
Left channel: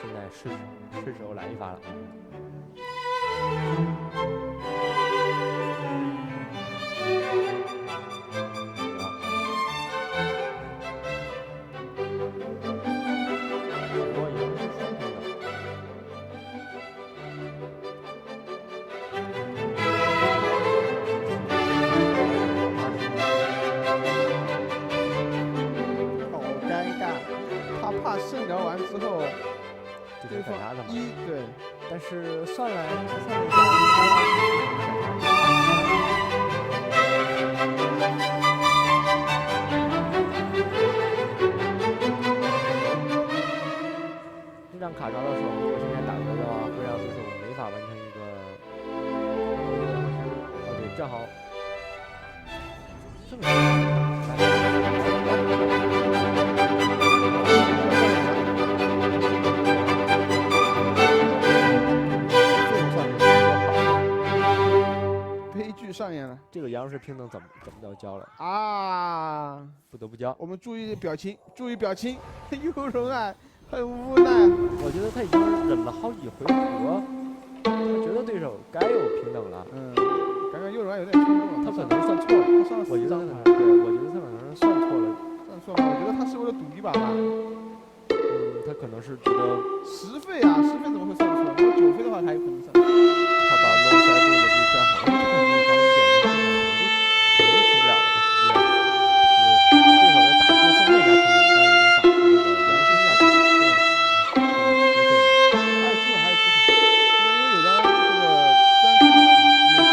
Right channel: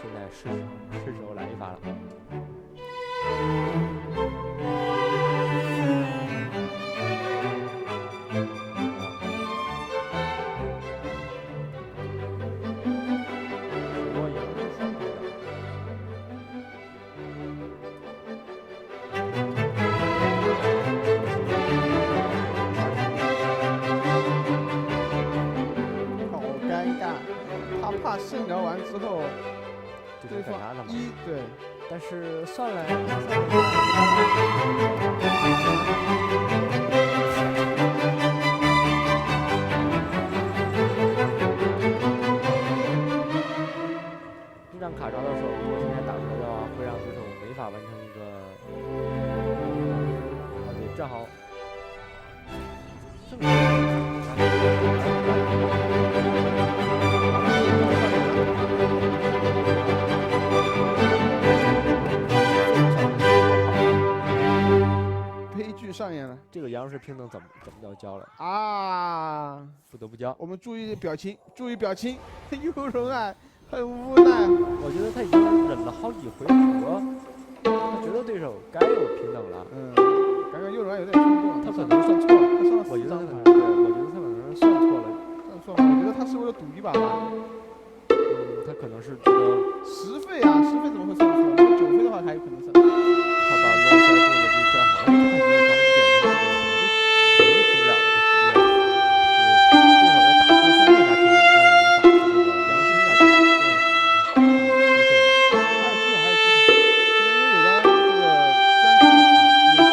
是吧？现在是时候来一发了。圣疗完之后，对方对，但是算了一下，这张卡抓到手，如果现在打出来的话，会让对手没法完成一个对，正好正上演了这个杨氏平等怎么要交了？啊！不得不交。我们注意表情，注意表情，有容啊，很无奈。我觉得他已经忍了好几回合，他觉得对手该有平等了。刚刚右荣有点冲动了，他可能算错了。他上了我觉4张牌，得对，我觉得他可能是算错了。算错了，我觉得他是为了赌一把吧。他可能是觉得10费啊，10费怎么会算错？如果9费的话，还有可能算错。他把龙塞布的这再好，而且他看你咱们点的这个肯定出不了了，这实际上是对手要打出宋那家平等，但是能打出这个杨生家平等，还有机会，还有机会。现在因为有张这个3次也是野蛮逃生，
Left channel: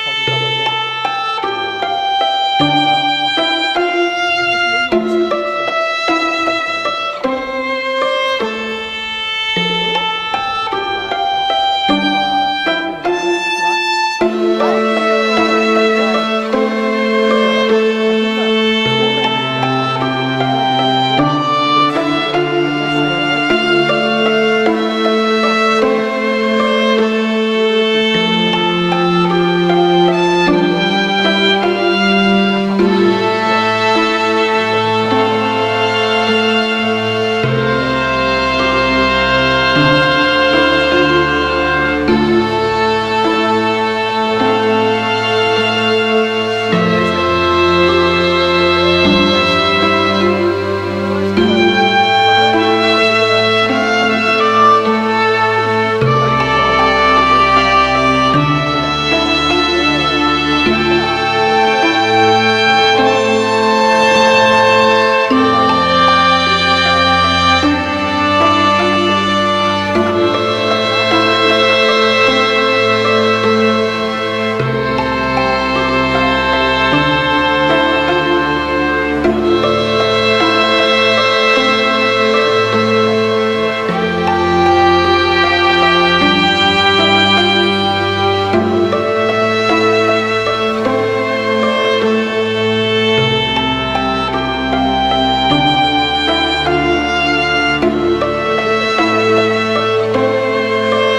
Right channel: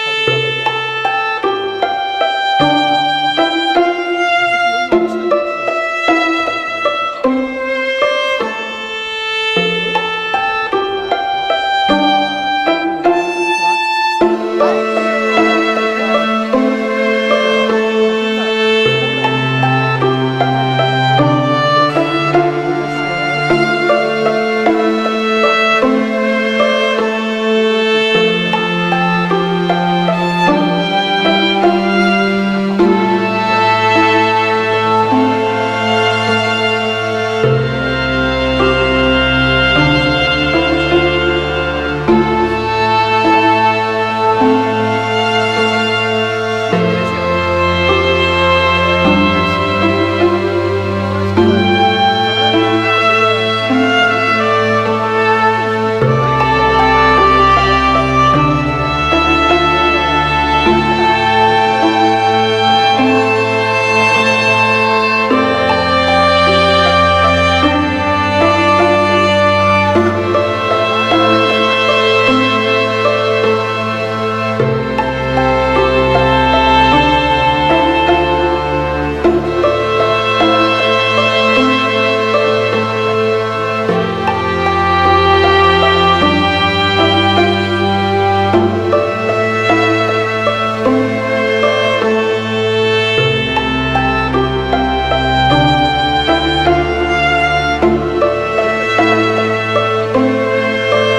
掏出大宝剑，还是有勇气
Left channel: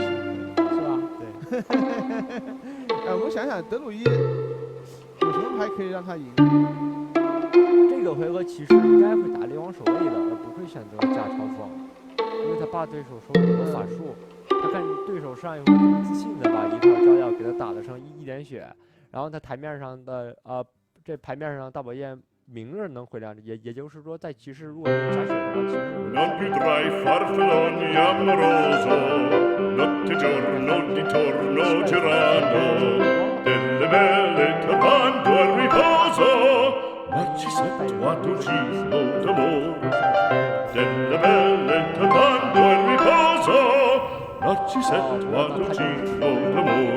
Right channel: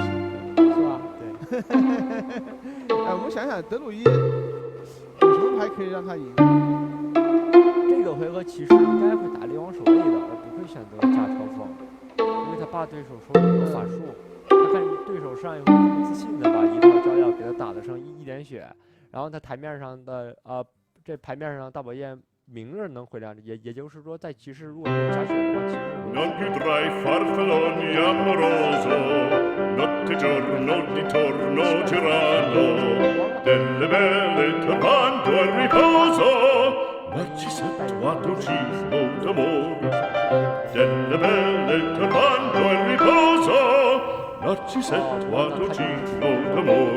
的意思。我们想想德鲁伊有什么牌可以让他赢？这个回合骑士应该会打猎王守卫的，而不会选择假嘲讽，因为他怕对手手里有法术。他看对手上一回这么自信的把一套招药给他打了剩一点血，然后他台面上的这牌面上大宝剑明日能回亮，也就是说在骑士如果没有加血的话，骑士会。Non più tra i farfalloni amoroso, notte giorno di torno girano, delle belle turbando al riposo, Narcisetto a dolcino d'amor. Delle belle turbando al riposo, Narcisetto a dolcino d'amor.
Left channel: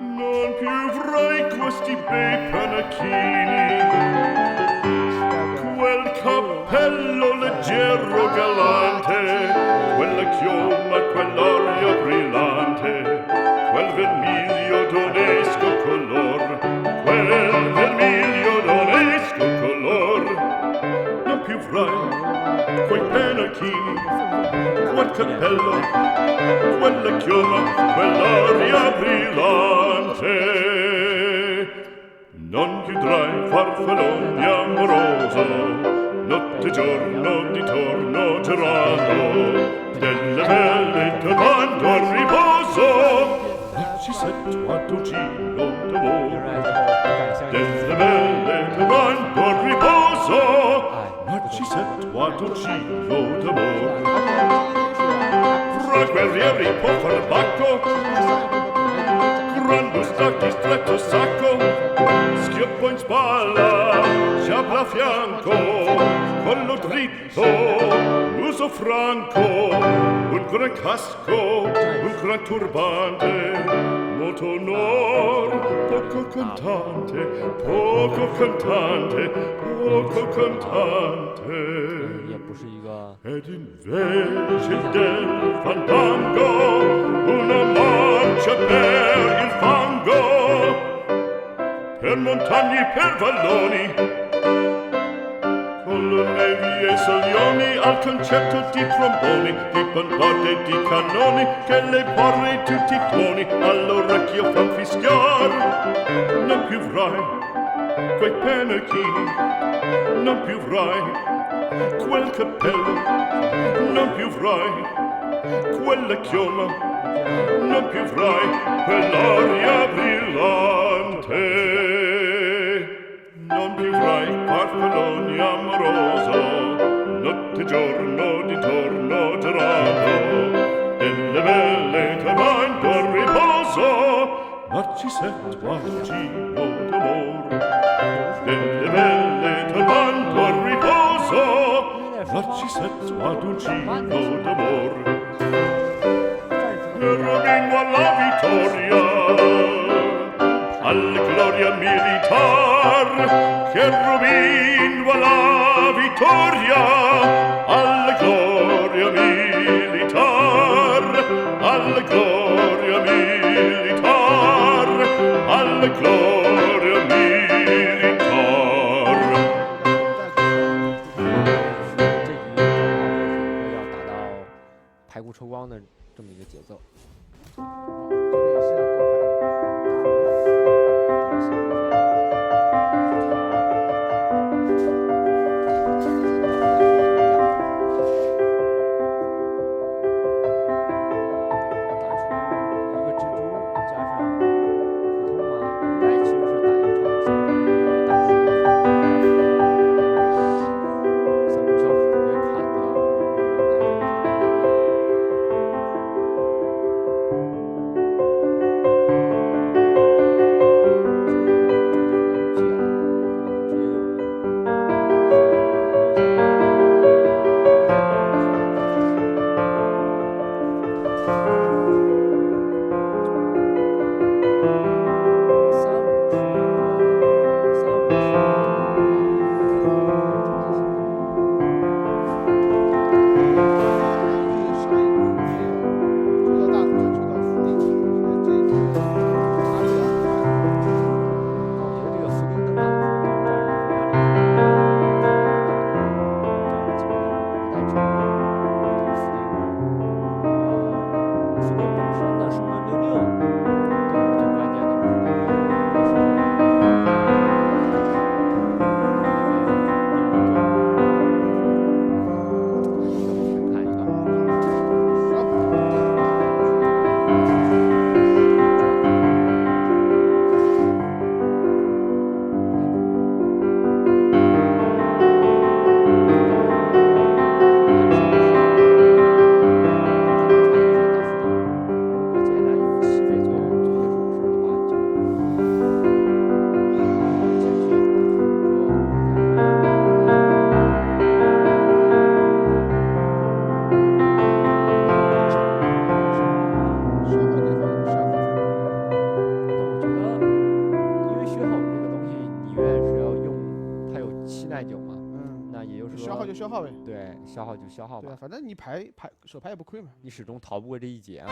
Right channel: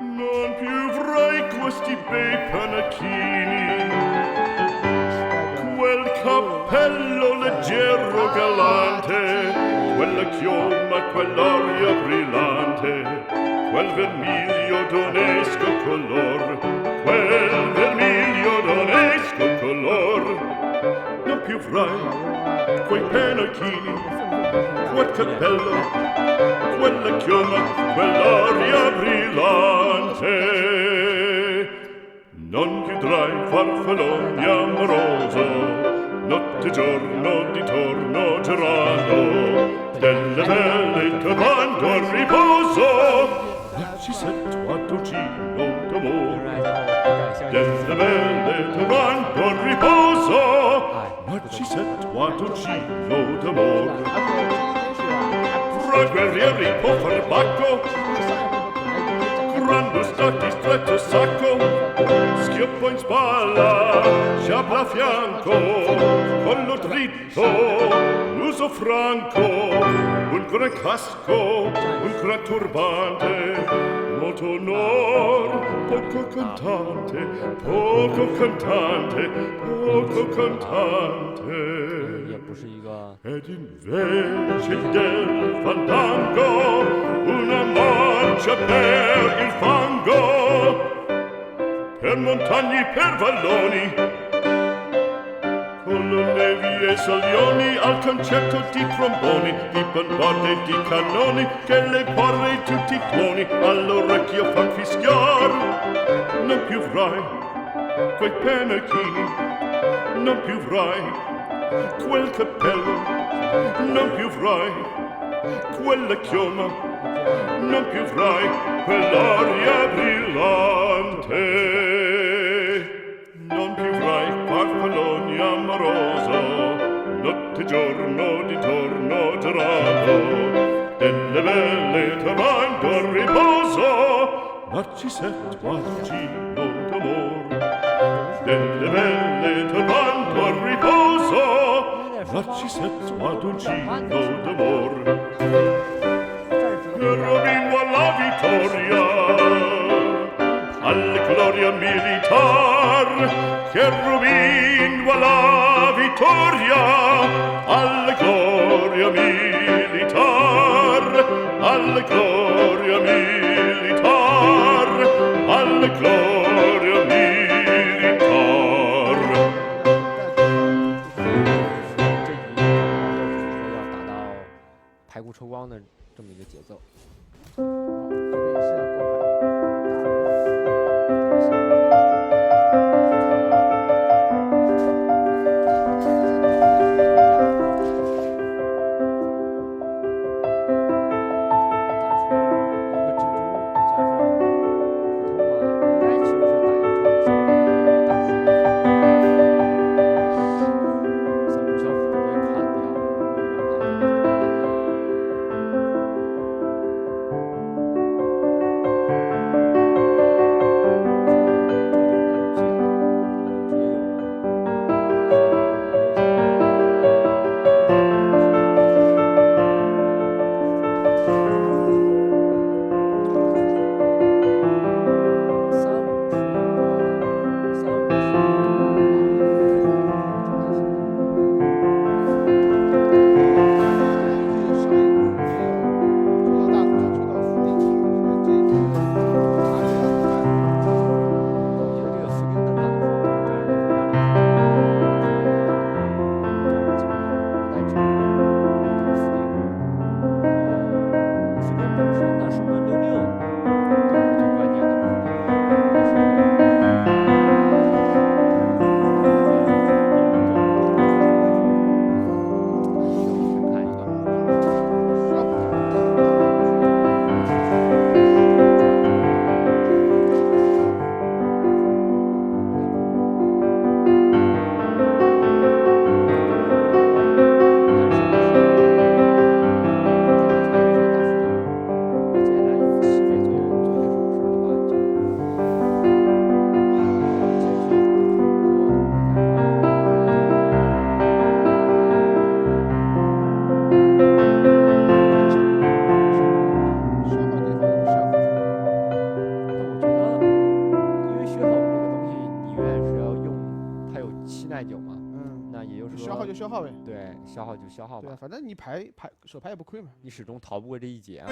Non più avrai questi bei panacchini,quel cappello leggero galante, quella chioma, quell'aria brillante, quel vermiglio d'onesco color, quel vermiglio d'onesco color. Non più avrai quei pennacchini, quel cappello, quella chioma, quell'aria brillante.Non chiudrai farfalloni amoroso, notte e giorno di torno girando, delle belle turbando al riposo, Narcisetto a dolcino d'amor. Delle belle turbando al riposo, Narcisetto a dolcino d'amor. Fra guerrieri può far bacco,Gran bustacchi stretto sacco, schioppo in spalla, sciabla a fianco, collo dritto, l'uso franco, un gran casco, un gran turbante, molto onor, poco cantante, poco cantante, poco cantante.Ed invece del fandango una marcia per il fango per montagne, per valloni, con le nevi e salioni, al concerto di tromboni, di bombarde e di cannoni, che le porre tutti i tuoni all'orecchio fan fischiar. Non più avrai quei pennacchini, non più avrai quel cappello, non più avrai quella chioma, non più avrai quell'aria brillante, non più avrai farfalloni amoroso, notte e giorno di torno girato, delle belle tornando a riposo, Narcisetto Aduncino d'amor, delle belle tornando a riposo, Narcisetto Aduncino d'amor. Cherubino alla vittoria, alla gloria militar, Cherubino alla vittoria, alla gloria militar, alla gloria militar, alla gloria militar. 这一要达到排骨抽光的这么一个节奏。这边也是要过消耗呗。对，消耗就消耗吧。对啊，反正你手牌也不亏嘛。你始终逃不过这一劫啊。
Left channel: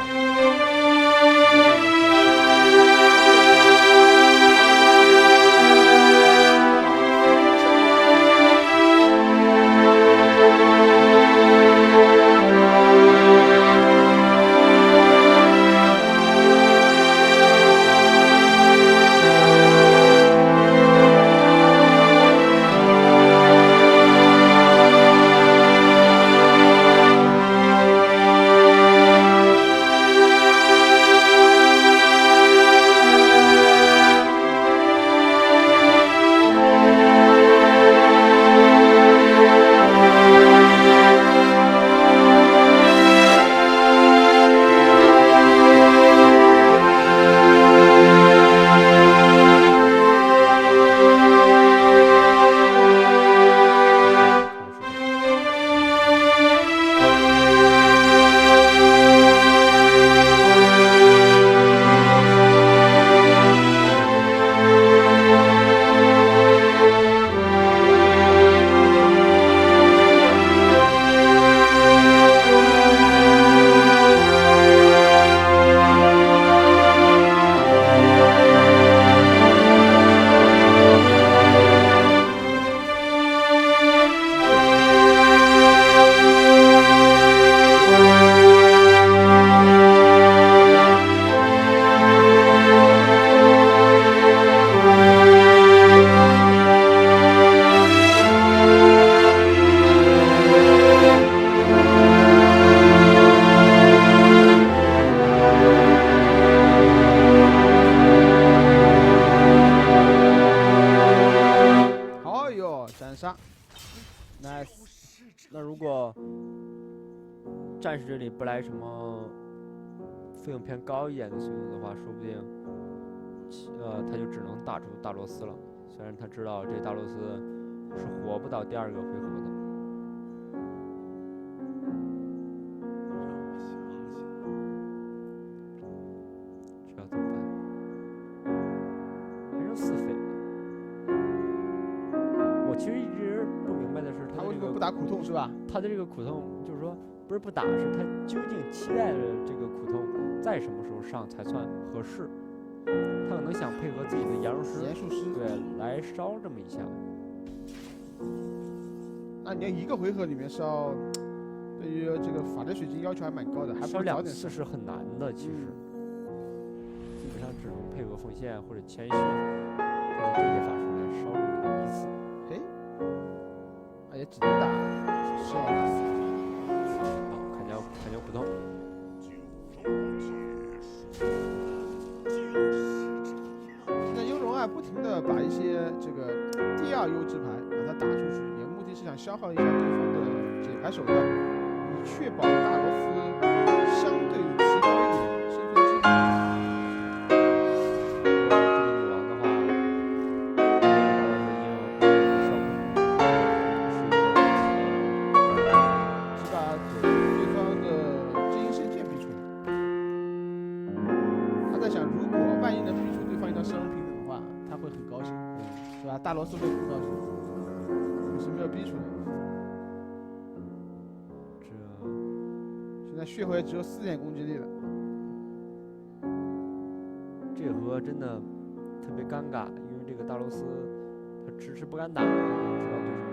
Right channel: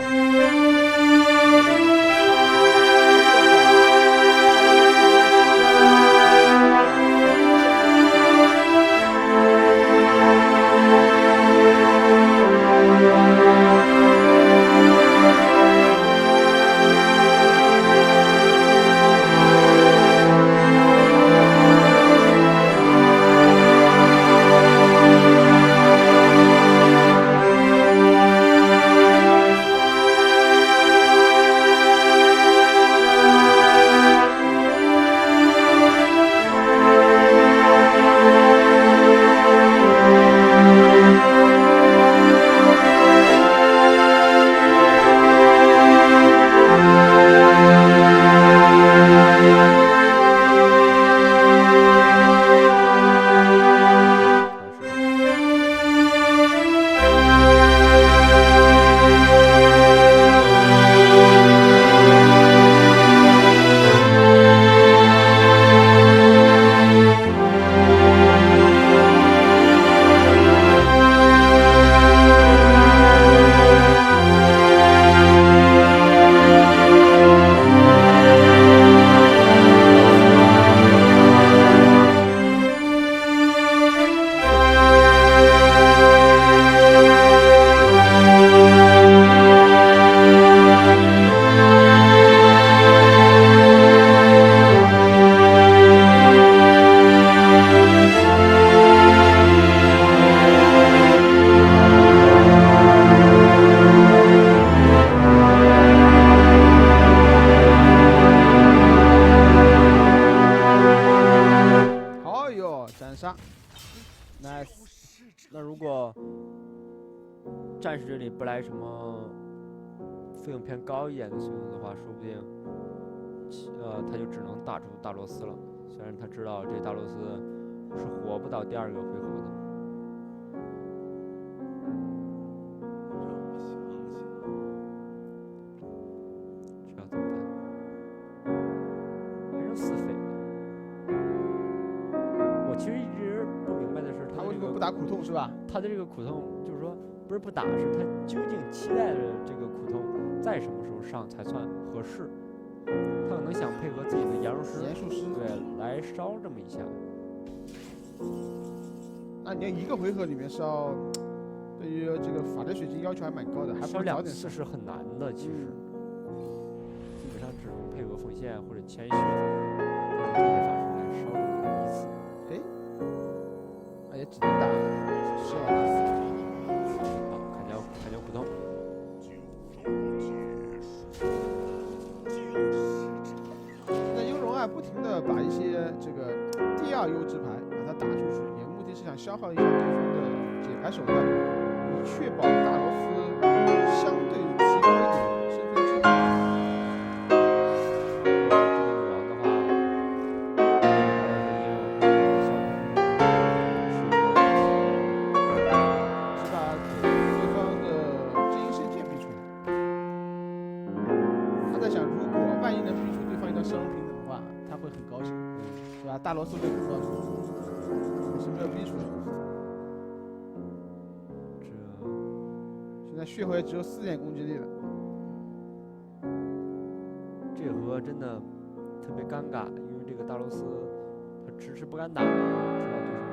如果战士这里不来什么费用偏高一点的随从的话，说不定他就只能打出大罗斯了。虽然他知道这大罗斯是活不到第2个回合的。这要怎么办？还剩4费。我其实一直不明白的是，他为什么不打苦痛是吧？他的这个苦痛就是说不是不打，是他究竟期待着这个苦痛在什么时候上才算合适？他可能想配合自己的炎术师，对，来烧这么一下。那你要一个回合里面烧，对于这个法力水晶要求还蛮高的，还不烧2如早点次是很难的，其实。基本上只能配合奉献或者谦虚，配合这些法术来烧这么1次。也只能打是好，砍掉苦痛。现在优荣啊，不停的把一些这个第2优质牌把它打出去，也目的是想消耗一下对方的解牌手段，以确保大罗斯相对提高一点身份之力。大罗斯会更高兴，可是没有逼出来。现在血回只有4点攻击力了。这回真的特别尴尬，因为这个大罗斯他迟迟不敢打，知道对手。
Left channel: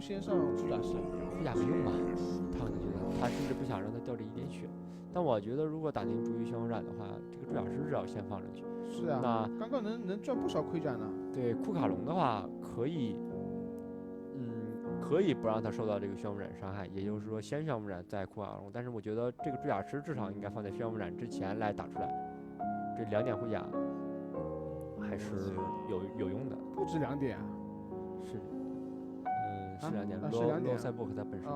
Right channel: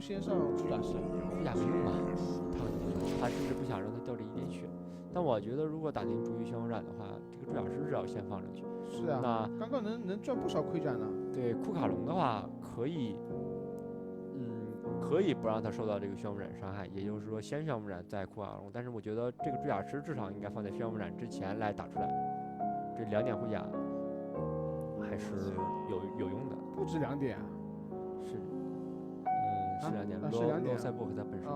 先上主甲师，主甲没用吧？他可能觉得，他甚至不想让他掉这1点血。但我觉得，如果打进逐鱼漩涡斩的话，这个主甲师至少先放上去。是啊，那刚刚能赚不少盔甲呢。对，库卡隆的话可以，可以不让他受到这个漩涡斩伤害，也就是说先漩涡斩再库卡隆。但是我觉得这个主甲师至少应该放在漩涡斩之前来打出来，这2点盔甲还是有用的。不止2点啊。是。是2点，是2点。罗塞博克他本身。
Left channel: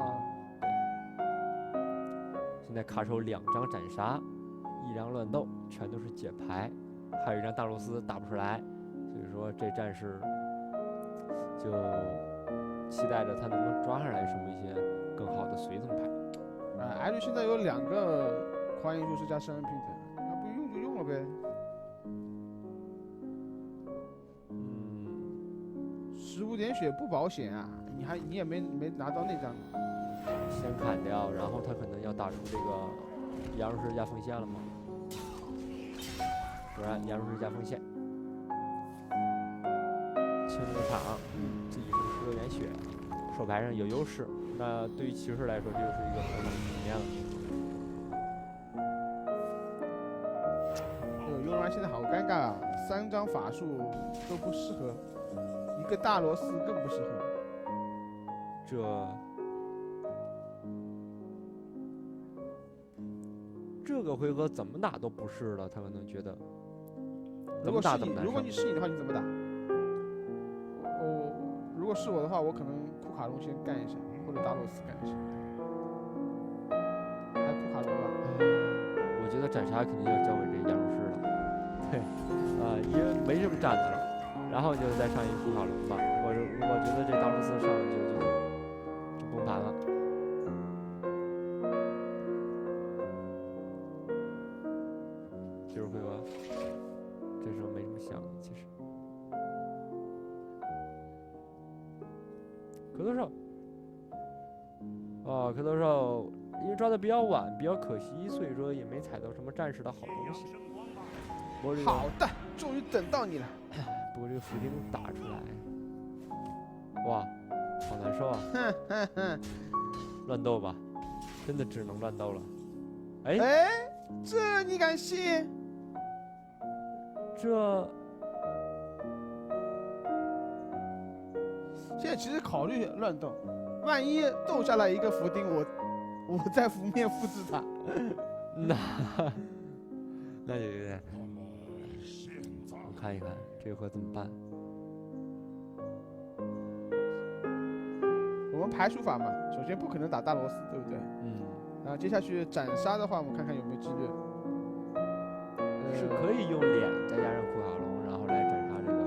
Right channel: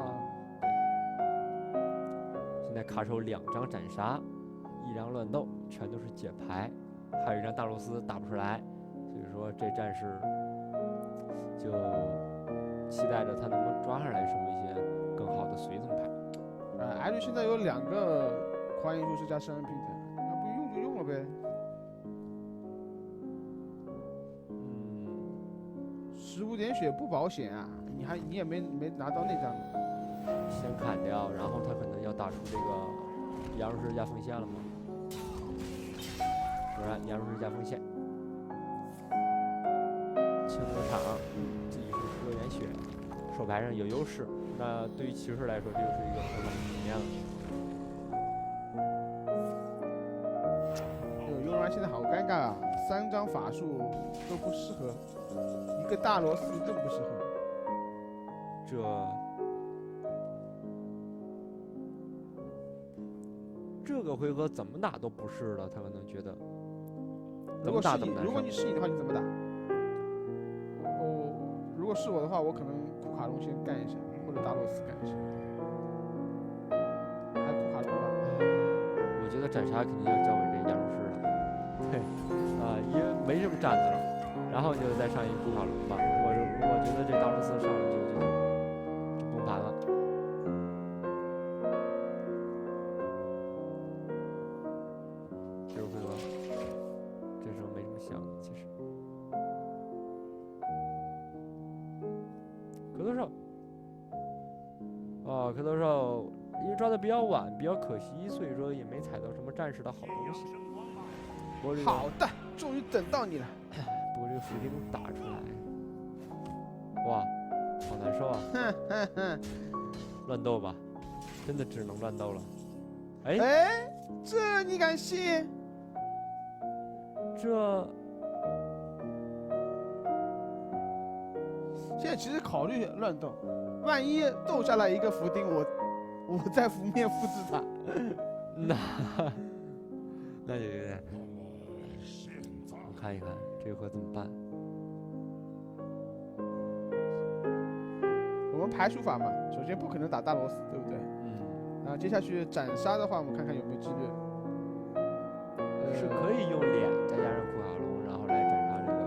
现在卡手2张斩杀，1张乱斗，全都是解牌，还有1张大罗斯打不出来，所以说这战士就期待着他能不能抓上来什么一些更好的随从牌。艾瑞现在有2个狂野术士加圣恩平腾，要不用就用了呗。15点血不保险啊！你也没拿到那张，先砍掉，然后他可能要打出这个炎术师加锋线了吗？果然炎术师加锋线，清个场，自己是16点血，手牌上有优势。那对于骑士来说，这就是一个很好的局面了。优然现在好尴尬啊！3张法术都不适合，一个大罗斯更不适合。这个回合怎么打都不是了，他可能觉得。如果你是你的话，你怎么打？如果是我的话，我可能库卡隆先干一下，或者大罗斯干一下。还有库卡隆吧。我觉得斩杀肯定要交给这炎术师了。对，因为没什么斩的了，然后就再上一个库卡隆吧。我觉得这大罗斯上来就崩盘了。就是回合，这时候没什么想的，其实。磕头兽，磕头兽，因为抓的比较晚，比较可惜，所以说也没采到什么战士的好东西。好的，终于等到你了。不过这个伏兵打出来，哇，好难受啊！乱斗吧，真的只能乱斗了。这你敢信？这现在其实考虑乱斗，万一斗下来一个伏丁，我再伏面复制它。那就有点，我看一看这回怎么办？我们排除法嘛，首先不可能打大螺丝，对不对？然后接下去斩杀的话，我们看看有没有几率。是可以用脸再加上库卡龙，然后来斩杀这个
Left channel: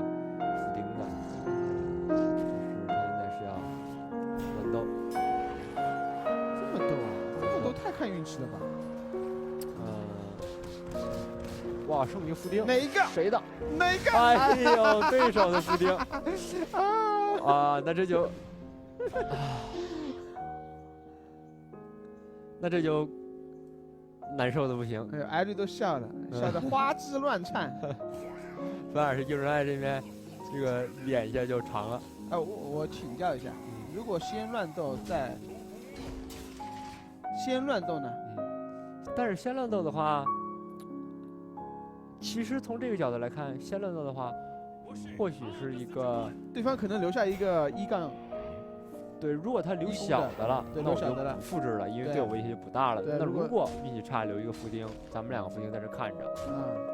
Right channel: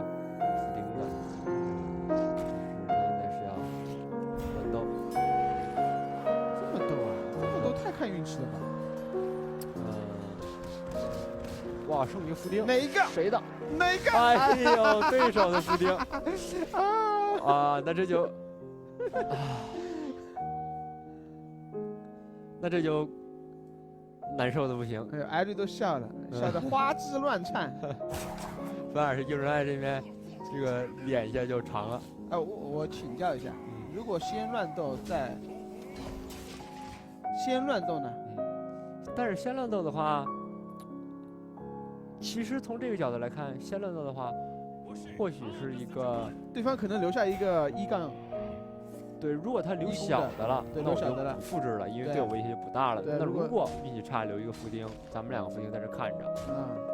伏丁的。只是他现在是要乱斗。这么斗啊？这么斗太看运气了吧？哇，剩一个伏丁，哪一个？谁的？哪个？哎呦，对手的伏丁。啊，那这就，那这就难受的不行。哎呦，艾瑞都笑了，笑得花枝乱颤。反而是幼人爱这边，这个脸一下就长了。哎，我请教一下，如果先乱斗再先乱斗呢？但是先乱斗的话，其实从这个角度来看，先乱斗的话，或许是一个对方可能留下一个1杠。对，如果他留小的了，对，那我留小的了，就复制了，因为对我威胁就不大了。那如果运气差留一个伏丁，咱们2个伏丁在这看着，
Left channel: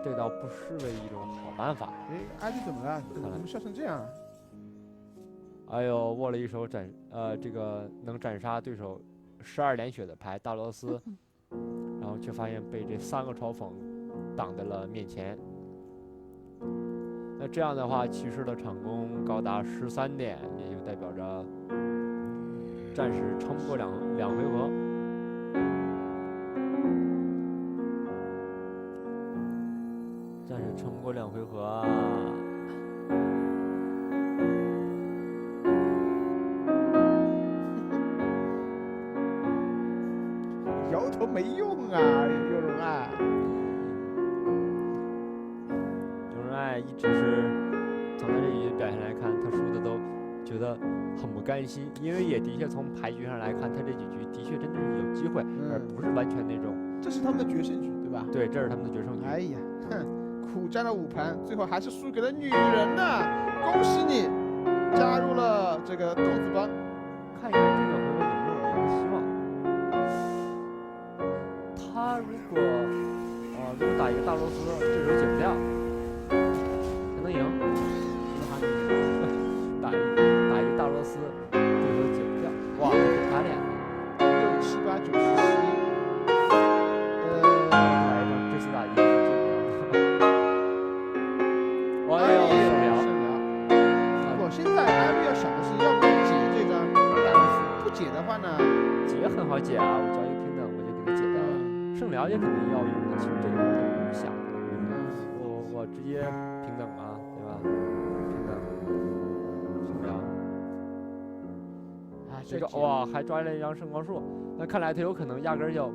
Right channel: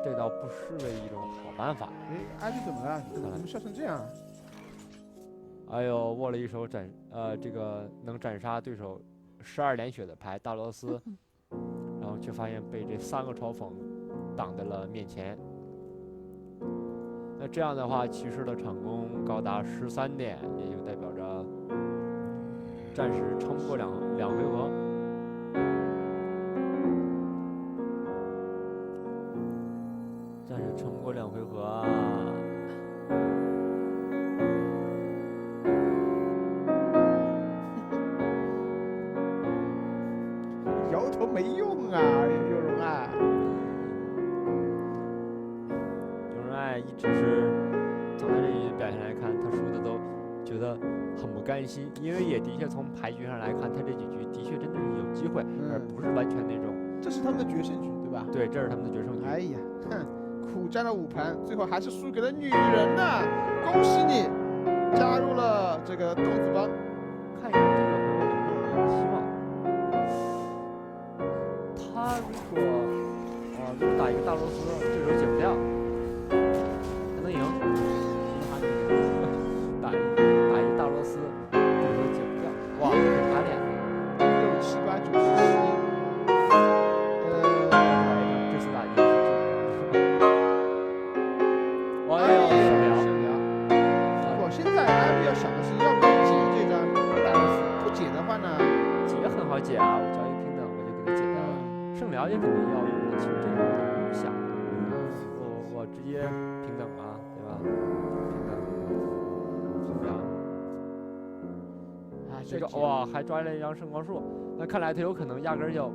这倒不失为一种好办法。哎，艾迪怎么了？怎么笑成这样？哎呦，握了一手这个能斩杀对手12连血的牌大螺丝，然后却发现被这3个嘲讽挡在了面前。那这样的话，骑士的场功高达13点，也就代表着暂时撑不过两回合。暂时撑不过2回合啊！摇头没用啊，有容爱。有人爱一直是从他这局表现来看，他输的都觉得很不甘心，因为也的确从牌局上来看，他这几局的确真的是有机会，而不是完全那种。这是他们的决胜局，对吧？对，这是他们的决胜局。哎呀，哼，苦战了5盘，最后还是输给了女人呢！恭喜你，加入了这个豆子帮。看一看这个回合有没有一个希望。他如果打一个大螺丝，这手解不掉，还能赢。打一个大螺丝，这手解不掉。哇，打脸了。6、7、8、9、10、11。来一张这次打1是解不掉。哎呦，胜了。我现在艾瑞要想的是要不要解这张大螺丝，不解的话呢？解很好解啊，我交易平等我就给他解掉了。胜辽也肯定要用的，其实这个我都不用想，我直接平等嘛，对吧？平等，胜辽。这个哇，还抓了一张圣光树，那看来他有可能压根就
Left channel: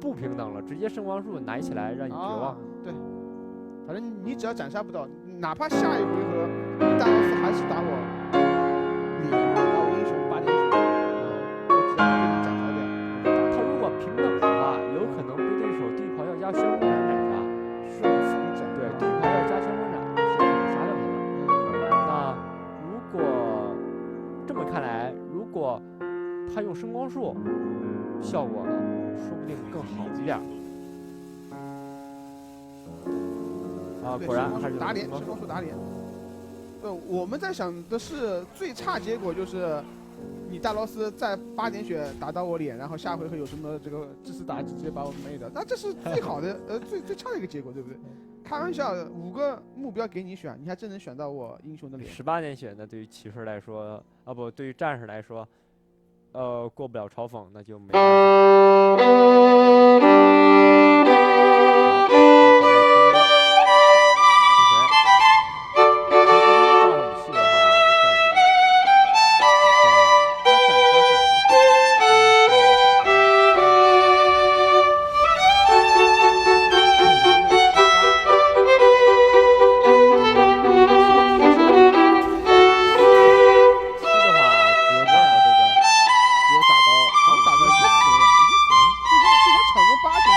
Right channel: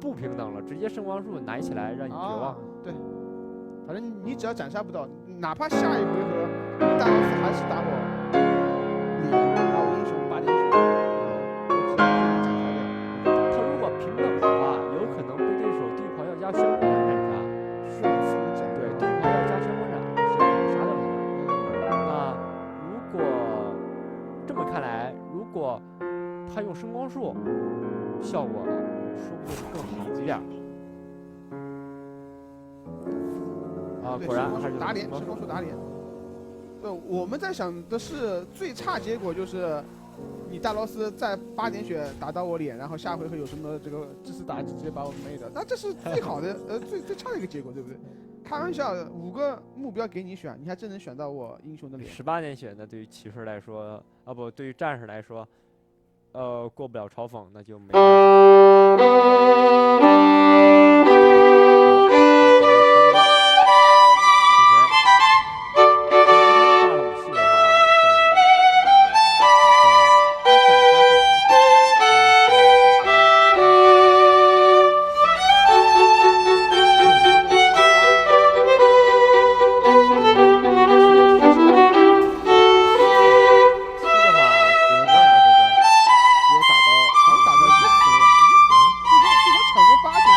不平等了，直接圣光树拿起来让你绝望。对，反正你只要斩杀不到，哪怕下一回合你大螺丝还是打我脸，打我英雄8点血，我只要被你斩杀掉。他如果平等的话，有可能被对手地袍要加旋风斩斩杀，顺风斩。对，地袍要加旋风斩是有可能杀掉他的。那如果这么看来，如果他用声光术效果说不定更好一点。啊，果然还是打脸，圣光术打脸。我们在想的是最差结果就是你大螺丝在8点血打到我脸，然后下回合有什么这个致死打击直接把我妹的，那这是最好的最差的一个结果，对不对？开玩笑，5个目标给你选，你还真能选到我英雄的脸。18点血呢，对于骑士来说，啊不，对于战士来说，过不了嘲讽，那就没办法。场共8点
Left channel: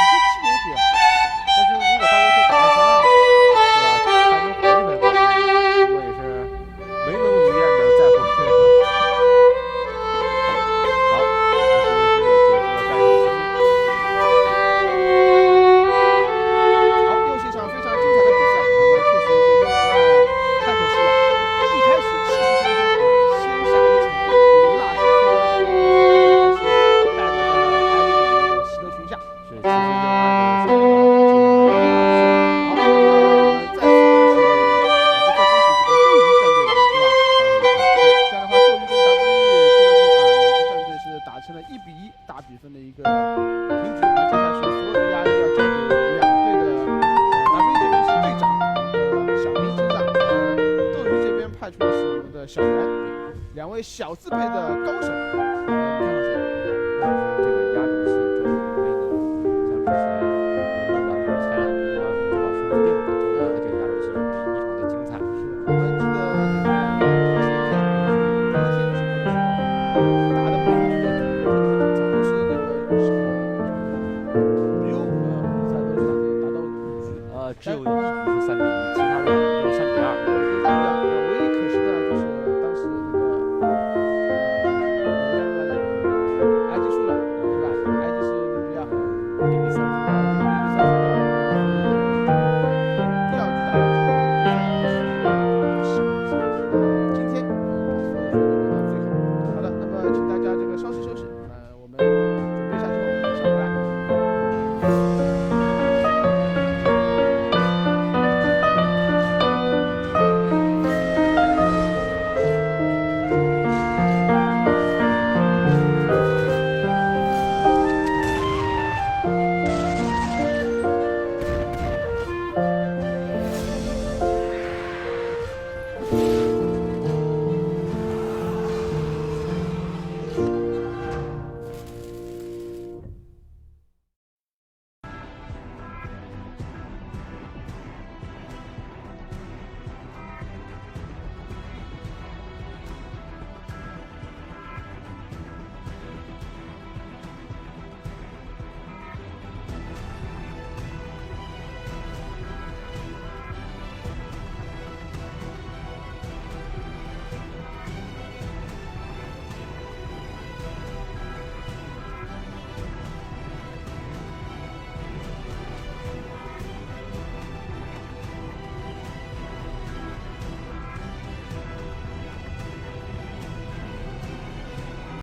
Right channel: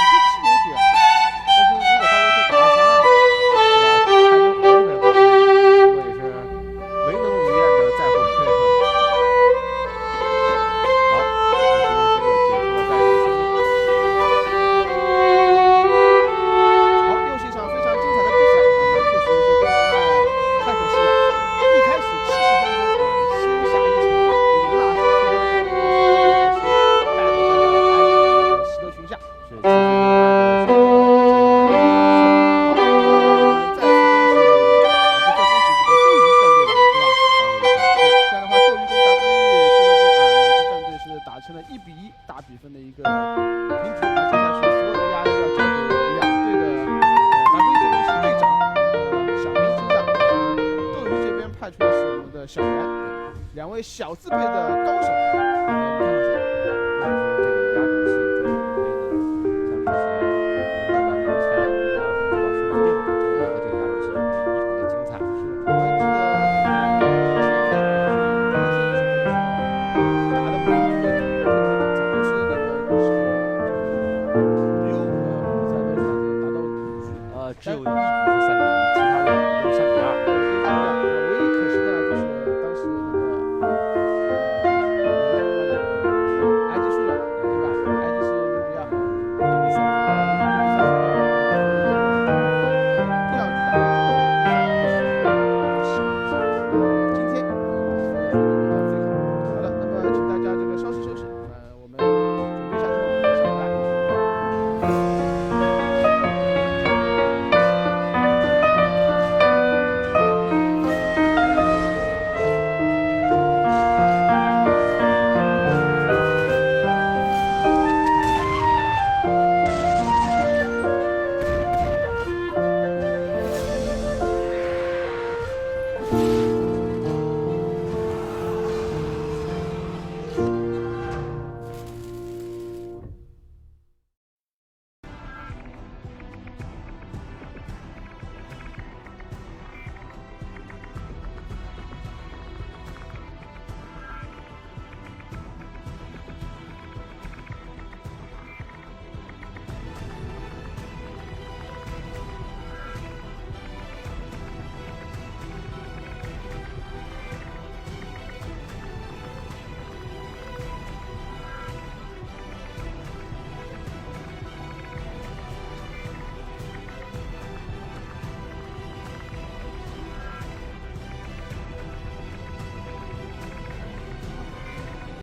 小袁，两位小字辈的高手，你看好谁？这个压轴戏周世云杯呢，像之前我们因为前两局要是把胜负定了，就和这个压轴戏就会异常的精彩。是我还记得那个前天打的每一局都特别精彩，都是那个只有5个比赛都是打到5局。只有一局是3比1，其他的都是3比2。